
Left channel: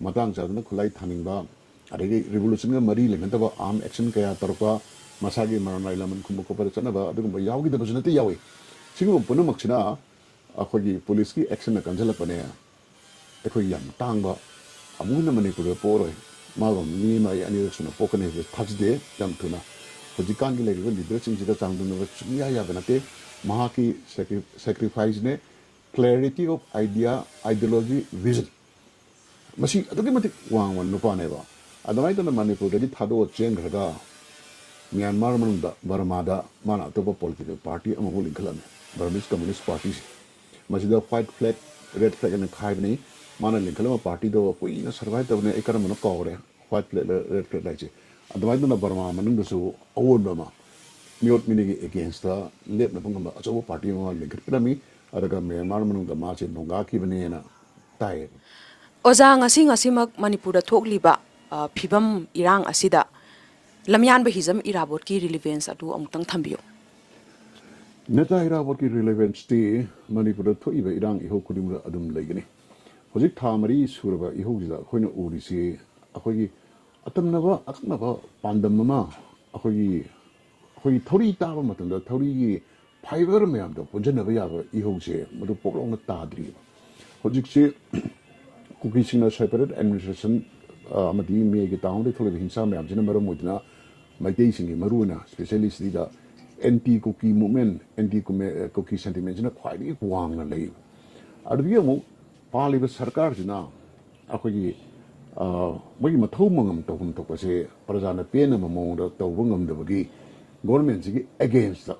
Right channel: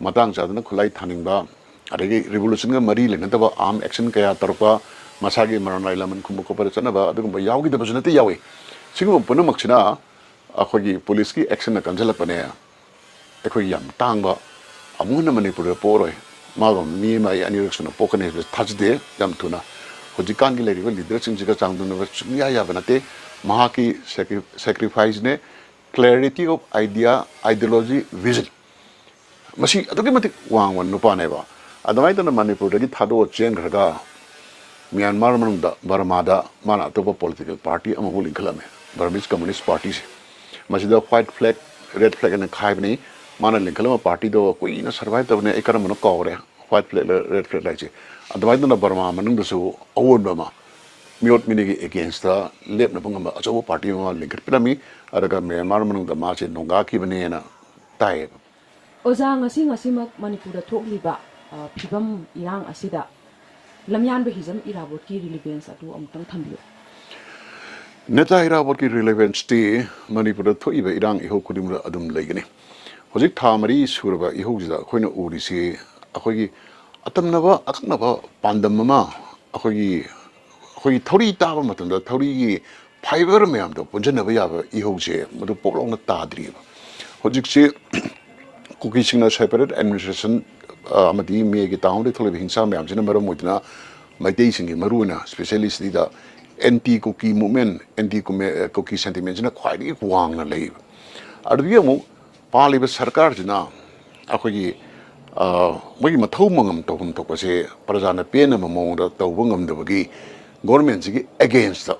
matang jadna khulai thaning ba adagi revolution ga mari le na ba arm action kaya tarpa masagi maranai laman kumbu ko para chana ba adugum ba yawgi da bajunate yawi sigum punu makchina akhoi police ki action na kanjala pane akhoi yam tangba amuna manipur poroi magam mi mai anirexna pokane thajde yam tuna hojikan gi leriba leader sing jiga changdun ba chungya ya banate mahaki sacrifice ne clarity of idea ideology vision masi adugi mati wang wan nupa ne ba adamai tan manipur gi thado chen graga Myanmar manungda Burma mana topa political party amahul inkalame Burmese Communist Party se masida white flag red flag and khaibni mana linkalama party do koi na survive tabne ekara mano kawre white flag red flag like adamai na Burma manungda su awon bama miot minigi against the lep na pangamba acho party ma linkar pinami araga Myanmar manungda ma che nonga ki bane na tai oza ngasi mak manipur da thokliba phibam irang asida lamyan ba hijam irabot ki relevance atu amutang thambiyo neta irabot ki relevance ti manipur thoi ba irang iho kudim adum legene hojik thamari surba iho jida khoina uri si akhoi atamnaba aknaba pandam ma akhoi thori ta ba matam da thori gi fiber mayam do punjanaba ya ba iho je madu poklong na tadri hojik se cookie singna separate administration amadi me gi taung de thole hinsa mayam jina maro moidna maitei singi maruna specialist dida anti cookie movement anti cookie sentiment jina khwai wang na lei adu mu pali ba sarkar jina akhoi moi mathau mangam tohum tokase prajana pena mamong da tawngam da bagi government ji against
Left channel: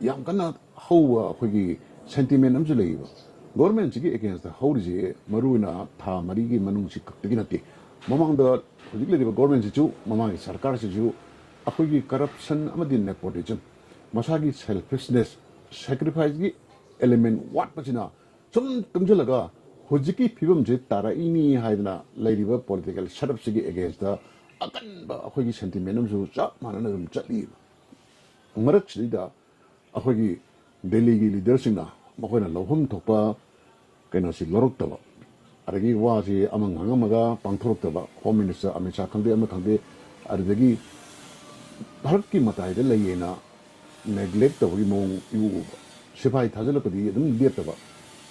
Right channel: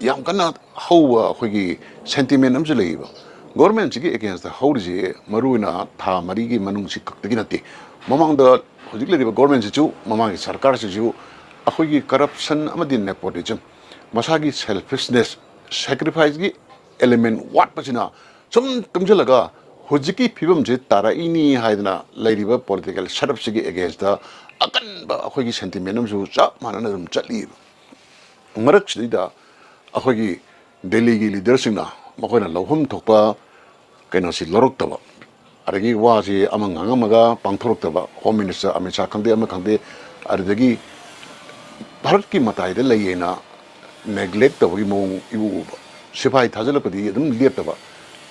yam kana how akhoi sentiment am lei ba government ji against the how ji maruna tha mari gi manung si kakti nati mamang da hojik le government ji chu mamang sarkar ji ju akhoi corruption amadi nepotism masagi selfishness sacrifice gi element what pachina sum tumjalaga hojiki phibam je tara ini haidna lairiba political setup sigi against the akan ba akhoi sentiment am ju cha manana dum chali marak chida akhoi delhi gi leadership na makoina lohum thokpa kaina si lorok taba aragi waji amang angamaga pangthorok taba home minister amit shah khangde ama khangde aridagi bharat ki matai de layena neglect tawgi mong iu sipai thajalapadi adum lep taba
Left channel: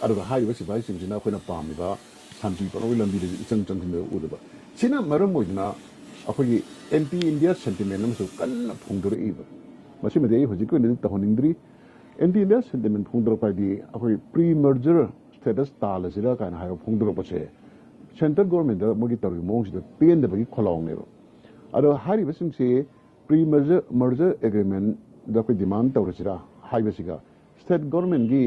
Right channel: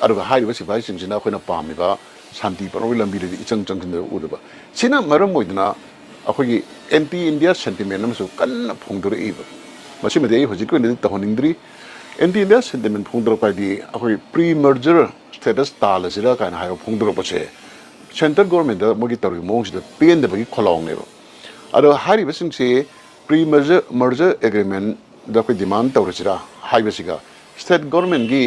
aruga haiba sipai singina khoina pamiba shanti paroi lambi de ichang changin de udaba sina maram moidna akhoi anti india sentiment am su kan phongdur iba masimade hojik ne tahoningdri anti india sentiment phongdur padi akhoi pre merger status talasira kan hayo phongdur pache central government da mogi tori mong de pen de bagi kholong ne aro hari basing se pre merger agreement da ko demand tawrachira haibasiga state government gi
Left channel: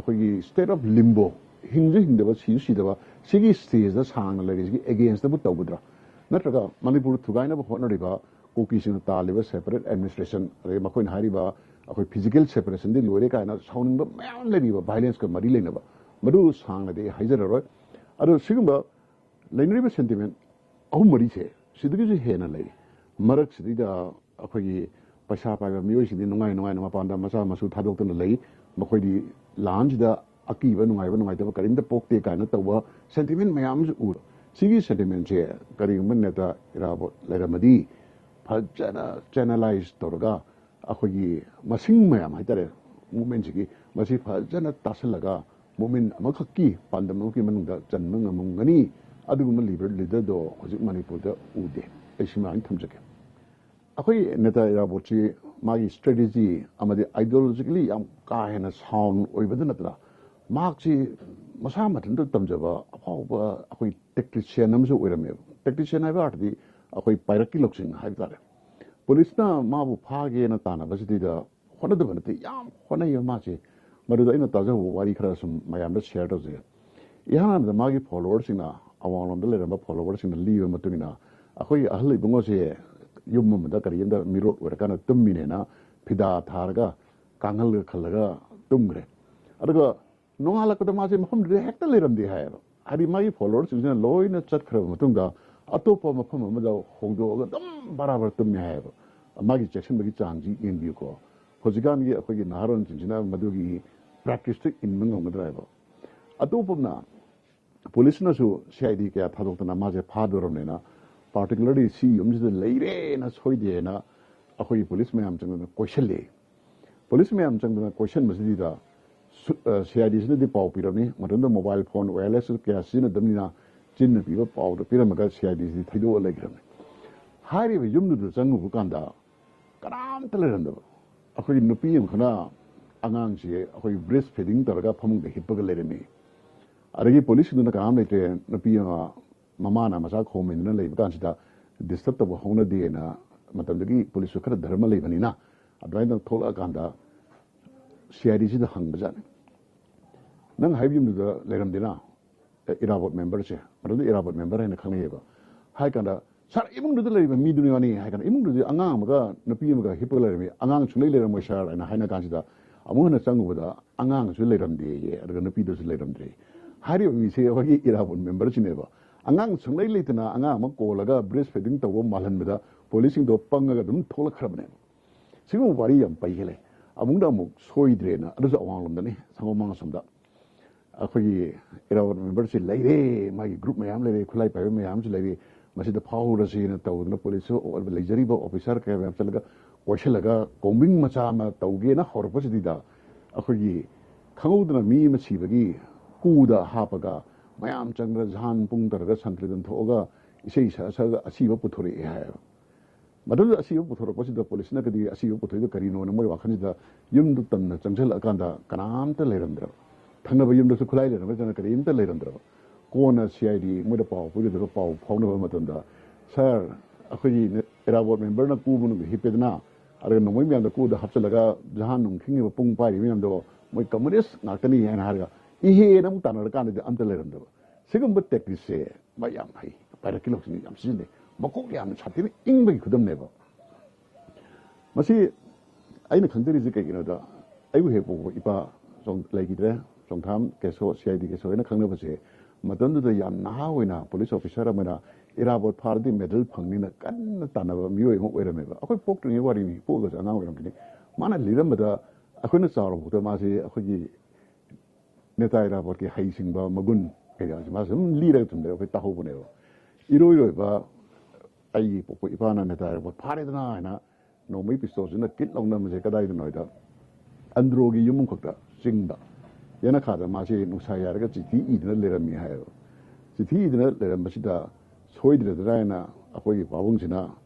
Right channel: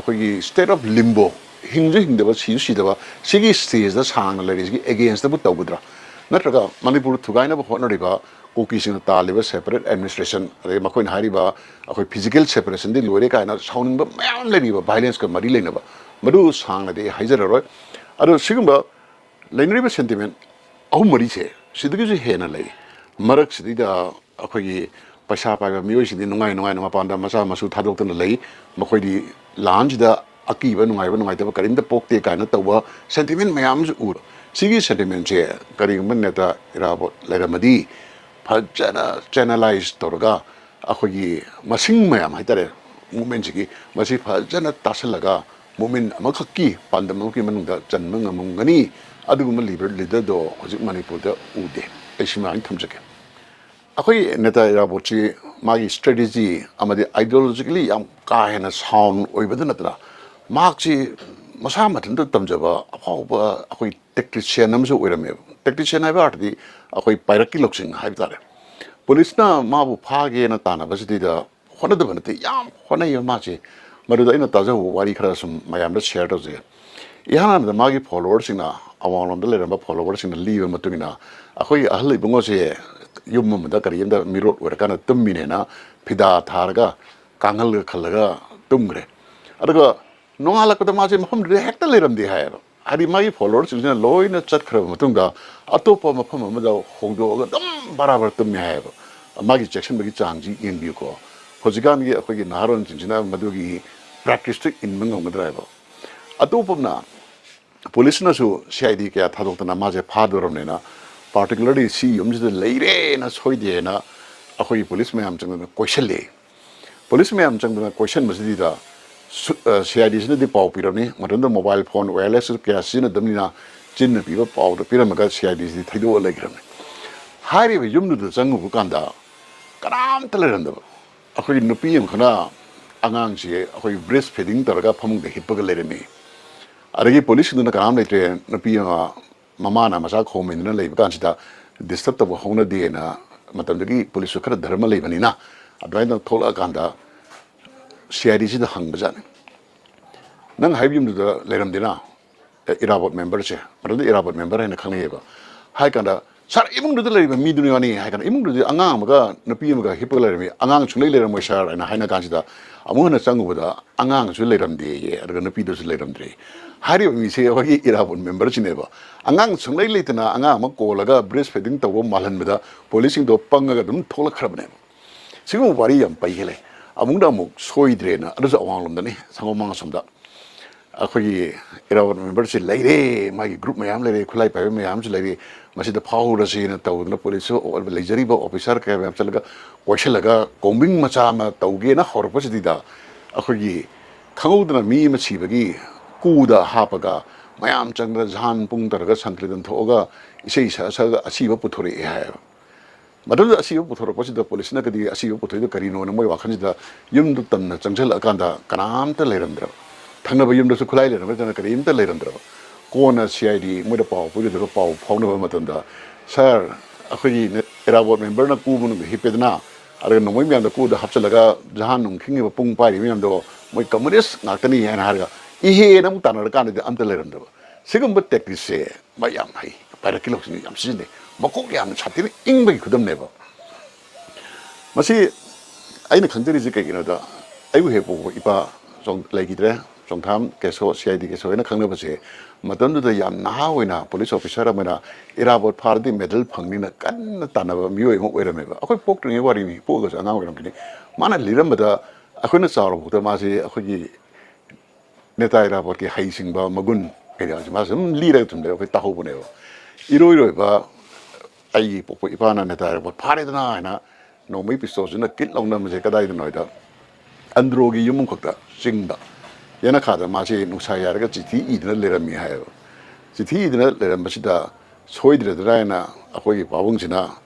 akhoi state of limbo hingde ba si da ba sigi stage da sang la ri against the tawbudra natraga manipur thugaina ba honori ba koki sing taliba separate administration re makoin hari ba akhoi physical separation di lore kaina sounding ba mayam le ba violence ka mari leina ba madu sang na de haijaroi aro sigumba lainri ba sentiment au mari che sidigi je hena lei marak sidida akhoi paisa pa mioi sidi nungai na panda masa masu thadok tan lei makoi di lanj da aki ba nungai ta karin da pokte kaina tawa sentiment mayam ju ur sigi sentiment che kari man neta irabo leramadi phajana channelize torga akhoi masing mayam haitare movement ji masi phajana tasalaga movement amakaki pandam ki manungda janmang amungani aduguma leader do hojik manipur da ude aishima thamjake akhoi neta irabochi magi strategy amadi ideologically yam ka hena sound oibada natra markchi masa mathan da tamjaba akhauba akhoi tactician amsu oirame tactician haiba ardi akhoi pairaki loksing haibtare police na mabu phage na tana basidi da hona da banate yam hona yama che maruda ina taja wari khara sum mayam da share to je ihana da magi followers na awang da le followers na live matungina akhoi ahlai bungo se yum da kariyam da mirot wer kana tummine na phida tharga ꯀꯥꯡꯍꯜꯒ ꯈꯜꯂꯒ ꯇꯨꯝꯈ꯭ꯔꯦ ꯑꯗꯨꯒ ꯅꯣꯡꯉꯥꯜꯂꯛꯄꯗ ꯃꯥꯁꯦ ꯃꯐꯝꯗꯨꯗ ꯍꯦꯛꯇ ꯂꯩꯔꯝꯗꯦ ꯍꯥꯏꯌꯦꯕ ꯍꯥꯏꯗꯤ ꯃꯥꯒꯤ ꯐꯣꯂꯣꯋꯔꯁꯤꯡꯁꯤꯅ ꯂꯣꯏꯅ ꯆꯠꯈ꯭ꯔꯕ ꯃꯇꯨꯡꯗ ꯑꯇꯣꯞꯄ ꯃꯐꯝ ꯑꯃꯗ ꯍꯣꯡꯗꯣꯛꯑꯒ ꯑꯗꯨꯝ ꯕꯔꯥꯕꯔ ꯇꯨꯝꯃꯦ ꯍꯥꯏꯌꯦꯕ ꯃꯥꯒꯤ ꯆꯦꯛꯁꯤꯟꯕꯒꯤ ꯆꯥꯡꯁꯤ ꯌꯦꯡꯕꯤꯌꯨꯀꯣ ꯍꯧꯖꯤꯛꯀꯥꯟꯒꯤ ꯑꯩꯈꯣꯏꯒꯤ ꯅꯍꯥꯔꯣꯟꯁꯤꯡꯁꯤꯅ ꯃꯗꯨꯒꯤ ꯄ꯭ꯔꯦꯛꯇꯤꯁꯇꯨ ꯏꯟꯕ ꯉꯝꯒꯗ꯭ꯔꯥ ꯍꯥꯏꯕ ꯑꯇꯣꯞꯄꯅ ꯄꯨꯂꯤꯁꯅꯁꯨ CID kaya ꯊꯥꯗꯣꯛꯇꯅ ꯃꯥꯁꯦ ꯐꯥꯗꯣꯔꯕꯅꯤꯅ ꯄꯥꯔꯇꯤꯀꯨꯂꯔꯂꯤ ꯁꯤ ꯌꯨꯝꯁꯤꯗ ꯂꯩꯔꯦꯅ ꯁꯣꯏꯗꯦꯅ ꯑꯩꯈꯣꯏꯒꯤ ꯄꯨꯂꯤꯁ ꯃꯌꯥꯝ ꯆꯪꯗꯅ ꯀꯣꯏꯁꯜꯂꯦ ꯄꯨꯂꯤꯁ ꯃꯌꯥꯝ ꯆꯪꯗꯅ ꯀꯣꯏꯁꯟꯕꯁꯤꯗ CIDꯁꯤꯅꯗꯤ ꯄꯥꯎ ꯄꯤꯔꯝꯃꯤ ꯃꯇꯝꯗ ꯃꯣꯕꯥꯏꯜ ꯐꯣꯟ ꯋꯥꯌꯔꯂꯦꯁ ꯀꯌꯥ ꯁꯤꯖꯤꯟꯅꯗꯕꯅꯤꯅ ꯆꯤꯟꯅ ꯄꯤꯕ ꯄꯥꯎꯗ ꯄꯤꯔꯝꯃꯒ CIDꯁꯤꯗꯤ ꯊꯩꯗꯣꯛꯑ ꯂꯩꯈ꯭ꯔꯕꯅꯤ ꯍꯥꯏꯔꯤꯕ ꯌꯨꯝꯗꯨꯗ ꯆꯪꯉꯨꯕ ꯀꯥꯟꯗ ꯀꯅꯥꯝꯇ ꯂꯩꯔꯝꯗꯕ ꯑꯩꯈꯣꯏꯒꯤ ꯅꯨꯄꯤ ꯑꯃꯈꯛꯅ ꯑꯉꯥꯡꯁꯦ ꯑꯩꯈꯣꯏ ꯕ꯭ꯔꯦꯁ ꯐꯤꯗꯤꯡ ꯇꯧꯔꯒ ꯐꯃꯨꯡꯗ ꯍꯤꯞꯄꯒ ꯂꯩꯔꯝꯃꯤ ꯑꯗꯒꯤ ꯄꯨꯂꯤꯁꯁꯤꯡꯗꯨꯅ ꯀꯅꯥꯝ ꯂꯩꯇ꯭ꯔꯦ ꯅꯨꯄꯤ ꯑꯃ ꯃꯃꯥꯅ ꯃꯆꯥ ꯈꯣꯝꯃꯤꯟꯗꯅ ꯂꯩꯕ ꯀꯥꯟꯁꯤꯗ ꯗꯤꯁꯇꯔꯕ ꯇꯧꯕ ꯍꯧꯅꯗꯦꯅ ꯃꯇꯝꯗꯨꯒꯤ ꯄꯨꯂꯤꯁꯁꯨ ꯈꯔ ꯙꯔꯃ ꯂꯩꯕꯅꯤ나 ꯑꯗꯨꯃꯥꯏꯅ ꯊꯣꯛꯂꯛꯑꯀꯥꯟꯗ CIDꯁꯤꯗ ꯍꯪꯕꯖꯥꯠꯅꯤ ꯅꯪ ꯍꯥꯏꯕ ꯌꯨꯝꯗꯨꯗ ꯂꯩꯔꯝꯗꯦꯅ ꯏꯔꯥꯕꯣꯠ ꯃꯦꯝꯕꯔꯁꯦ ꯃꯇꯝꯗ ꯏꯔꯥꯕꯣꯠ ꯃꯦꯝꯕꯔ ꯍꯥꯏꯅ ꯈꯪꯅꯩꯌꯦꯕ ꯍꯥꯏ ꯀꯥꯟꯗ ꯁꯥꯔ ꯏꯃꯨꯡꯗꯨꯗ ꯂꯩꯔꯤꯕ ꯃꯤꯗꯨꯅ ꯌꯥꯅꯤ ꯍꯥꯏ ꯀꯥꯟꯗ ꯏꯃꯨꯡꯗꯨꯗꯤ ꯑꯉꯥꯡ ꯑꯃꯒ ꯅꯨꯄꯤ ꯑꯃꯒ ꯍꯤꯞꯄꯒ ꯂꯩꯔꯝꯃꯤ ꯑꯉꯥꯡ ꯁꯨꯡꯂꯩ ꯂꯩꯔꯝꯃꯣꯏ ꯁꯥꯔ ꯍꯥꯏꯅ ꯍꯥꯏꯅ ꯀꯥꯟꯁꯤꯗ ꯑꯃꯨꯛ ꯍꯟꯅ ꯆꯪꯉꯨꯕꯗ ꯑꯉꯥꯡꯁꯨ ꯂꯩꯔꯝꯗꯦꯌꯦ ꯑꯗꯨꯒ ꯅꯨꯄꯤꯗꯨꯁꯨ ꯂꯩꯔꯝꯗ꯭ꯔꯦ ꯍꯥꯏꯔꯤꯕ ꯃꯤꯁꯦ ꯑꯩꯈꯣꯏꯒꯤ ꯏꯔꯥꯕꯣꯠ ꯃꯦꯝꯕꯔꯁꯤꯅꯦꯕ ꯑꯉꯥꯡ ꯁꯨꯡꯂꯩ ꯂꯩꯇꯅ ꯑꯉꯥꯡ ꯑꯃ ꯀꯣꯜꯂꯒ ꯕ꯭ꯔꯦꯁ ꯐꯤꯗꯤꯡ ꯇꯧꯕ ꯃꯥꯜꯍꯟꯕꯗ ꯄꯨꯂꯤꯁꯁꯤꯡꯗꯣ ꯄꯪꯉꯒ ꯑꯗꯨꯝ ꯊꯣꯛꯂꯛꯈ꯭ꯔꯕꯅꯦꯕ ꯁꯤꯒꯨꯝꯕ ꯋꯥꯔꯤ ꯌꯥꯝ ꯄꯩꯒꯂꯦ ꯑꯃꯨꯛꯗ ꯑꯃꯨꯛ ꯁꯣꯏꯗ꯭ꯔꯦꯅ ꯑꯗꯨꯁꯨ ꯑꯋꯥꯡꯂꯣꯝꯗꯅꯤ ꯁꯪꯒꯣꯝ ꯑꯁꯣꯝꯗ ꯑꯩꯈꯣꯏꯒꯤ ꯏꯔꯥꯕꯣꯠ ꯃꯦꯝꯕꯔꯁꯤ ꯂꯩꯔꯦ ꯃꯥꯒꯤ ꯒ꯭ꯔꯨꯞ ꯃꯌꯥꯝ ꯂꯩꯔꯦ ꯈꯨꯠꯂꯥꯏ ꯄꯥꯏꯕ ꯃꯌꯥꯝꯁꯨ ꯂꯩꯔꯦ ꯃꯁꯤꯗ ꯐꯥꯎꯔꯁꯤꯅ ꯇꯧꯗꯅ ꯄꯨꯂꯤꯁꯁꯨ ꯂꯩꯖꯔꯤꯕ ꯑꯣꯐꯤꯁꯥꯔ ꯀꯌꯥ ꯃꯌꯥꯝ ꯆꯠꯂꯒ ꯀꯣꯏꯁꯜꯂꯒ ꯀꯣꯝꯕꯤꯡ ꯃꯆꯥ ꯑꯃ ꯇꯧꯒꯦꯅ ꯍꯧꯔꯛꯄꯁꯤꯗ ꯑꯩꯈꯣꯏꯒꯤ ꯈꯪꯍꯧꯗꯅ ꯃꯤ ꯑꯃ ꯁꯤꯕꯒꯤ ꯀꯨꯗ ꯍꯥꯞꯄꯒ ꯃꯌꯥꯝ ꯆꯪꯗꯅ ꯖꯍꯥꯟ ꯄꯨꯡ ꯇꯧꯔꯒ ꯁꯪꯀ꯭ꯔꯤꯇꯟ ꯊꯣꯛꯑꯒ ꯏꯁꯩ ꯁꯛꯑꯒ ꯑꯁꯤꯕ ꯄꯨꯊꯣꯔꯛꯑꯦ ꯍꯥꯏꯌꯦꯕ ꯃꯗꯨꯗ ꯑꯁꯤꯕ ꯄꯨꯊꯣꯔꯛꯄꯁꯤꯗ ꯄꯨꯂꯤꯁꯅꯒꯗꯤ ꯑꯁꯤꯕ ꯄꯨꯊꯣꯛꯏꯗꯣ ꯀꯔꯤꯅꯣꯅ ꯃꯣꯏ ꯋꯥꯈꯜꯁꯤꯗ ꯌꯨꯝꯗꯨ ꯇꯝꯅ ꯆꯪꯁꯤꯜꯂꯛꯑꯀꯥꯟꯗ ꯀꯅꯥꯝꯇ ꯂꯩꯔꯝꯗ꯭ꯔꯕ ꯊꯪꯅꯕ ꯌꯨꯝꯗꯁꯨ ꯈꯨꯠꯂꯥꯏ ꯂꯩꯔꯝꯒꯗꯅ ꯀꯔꯤꯝꯇ ꯂꯩꯔꯝꯗ꯭ꯔꯕ ꯀꯣꯟꯅ CID ꯃꯣꯏꯗ ꯄꯥꯎ ꯄꯤꯒꯗꯕ ꯄꯥꯎ ꯐꯥꯎꯅꯕ ꯃꯇꯝꯗ ꯁꯥꯔ ꯑꯩꯈꯣꯏꯒꯤ ꯏꯔꯥꯕꯣꯠ ꯃꯦꯝꯕꯔꯅ ꯀꯨ ꯃꯅꯨꯡꯗ ꯍꯤꯞꯄꯦꯗꯅ ꯑꯗꯨꯒ ꯅꯣꯡꯃꯩ ꯃꯌꯥꯝꯗ ꯀꯨꯗ ꯍꯥꯞꯆꯤꯜꯂꯒ ꯖꯍꯥꯟ ꯅꯨꯡ ꯈꯤꯡꯉꯤꯕ ꯄꯨꯡ ꯄꯥꯏꯔꯤꯕ ꯃꯌꯥꯝꯗꯣ ꯃꯣꯏ ꯀꯝꯃꯨꯅꯤꯁ ꯉꯥꯛꯇꯅꯤ ꯍꯥꯏꯅ ꯍꯥꯏꯔꯒ 이해는 아무것도 안 하니까 아무도 레런더고 지금 뭐 땡기세 뭐야 하이 바르킬로 좀 쓰는데 먹고기 하면 차트는 잉백이 그덤내고 마치 아이는 강들이지 깨기는다 아이고 해보고 이봐 좀 레기들에 좀 다음 계속 CID 계속에는 강력하지 뭐던도 얌 나하고이나 폴리스 오피서라면나 이라봇 파르디 메달 펑니나 깐나 따나바 미오이 뭐 이러면가 아그 폭등의 와리미 보고서 안 하고 이런 게 많은 리름마다 아그는 싸우고 마치 아그기 네타이라 porque 하이싱바 먹은 그래가지 맞음 리레 좀 내가 딱 보내요 이로이로 봐 아이 보고 이바나 네타이라 뭐 파레드나 하나 너무 에피소드나 낄롱나면 제가 다이도 너이다 안드로기 유문 걱다 징다 얘나 카드 마치 누사야가 지티 이드나 레람이 해요 지티 이드나 레람 마시다 소이드라나 아고기 바봉지나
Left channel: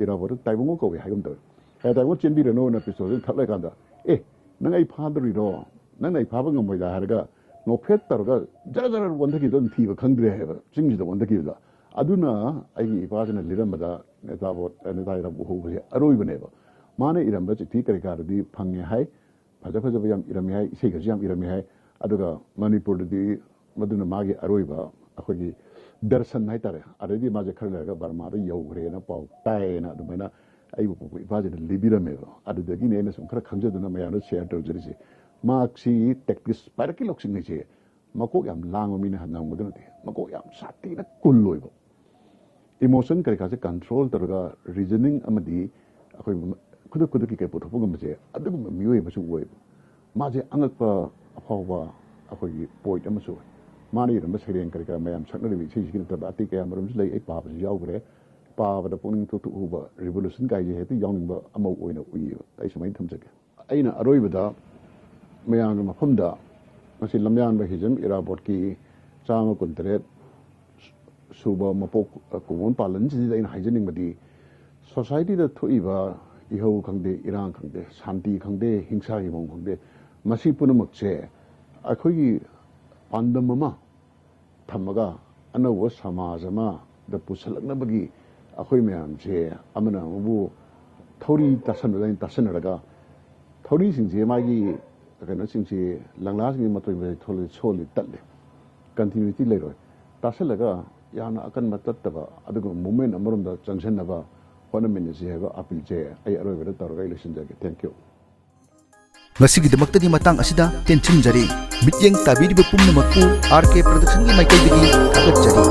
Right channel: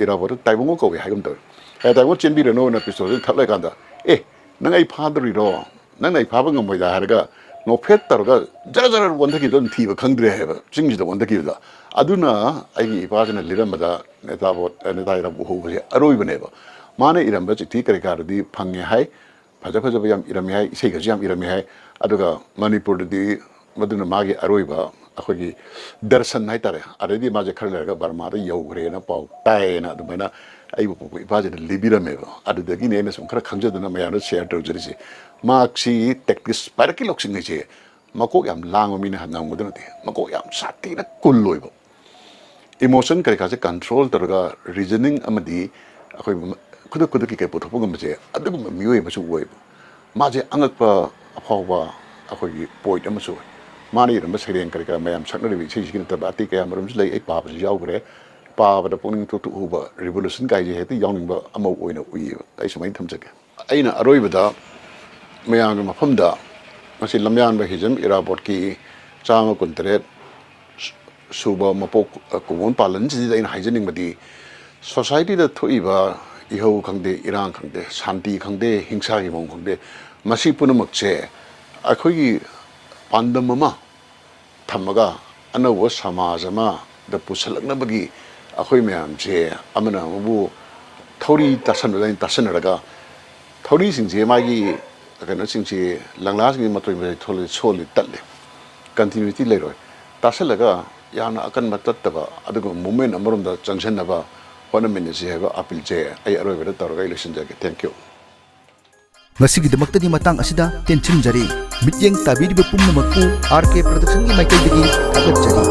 이라버도 다이봉고 거기 하금들 다이봉 찐비르 노는 에피소드 탑래 간다 에 내가 이 파드리로 내가 이 밥은 건 뭐다 하니까 노페따로가 자라자라 원탁이던 티브 강들에 해봐 증지도 원탁이다 아두나 아이 바즈는 리람마다 내다이라 보고지 아로이브네버 만에 이런 버지 티까리가르디 방해 하이 바자바자바 얌 이름이 하이 세가지 얌 이름이 하이 아두가 마니푸르디 마두나 마기 아로이바 아코기 दर्शन 하이따레 아레디 마제 칼레가 바르마다 여우그레나 파우 따에나 아두마나 아이고 보고 바제는 리비라메고 아두더기 내내 좀 그렇게 강조되는 마야는 셰어 들으지 마치 텍니스 파르키 록싱이지 마고 얌 랑오미네 한나온 거든데 마고 얌 사티나 꿀로이고 이모션 그래가지 컨트롤 들어가 리저닝 아마디 아코이 그득그득이 보통 거지 아두고 미워이 무슨 거이고 마제 안악바 아파와 아코이 보이드 무슨 마니 이런 세련 그러니까 매암 착너리 위치시기는 더 바티 그야 뭐름스 레이 바브지 야우 그래 바브다 뽕닝 투투 우바 리볼루션 가이지 해도 영닝바 아마 오이나 우이 아이스 많이 탐적게 아이나 아로이보다 매양의 마품다 마치 람얀바 히즘 이라보트기 자마 군트레 수바 마포 고원 발런지다 인 하이저닝 바디 소사이티다 토이바 이호 강대 이랑 강대 산티 강대 행사기 몽 강대 마시 뿌는 먹제 아코기 반덤마 담마가 아나워 사마자마 더 부설럭나버기 아코이 매암제 아마나 뭐 토리 따선을 따선을가 토리 싱제 마기 그는 싱제 랑라스기 마토이 토리 솔리 딸레 컨티뉴티 레로 따설라가 야나 아칸 맞았다가 아두고 몸에 아무름다 정신나봐 원하면서 해가 아필제 아이 아로베다 따라가 일신자게 땡큐 ngasigidamakta di matang asida tenchin jari mityeng tabiriba pumnamakpu RK production gi maikai dagi thagat jari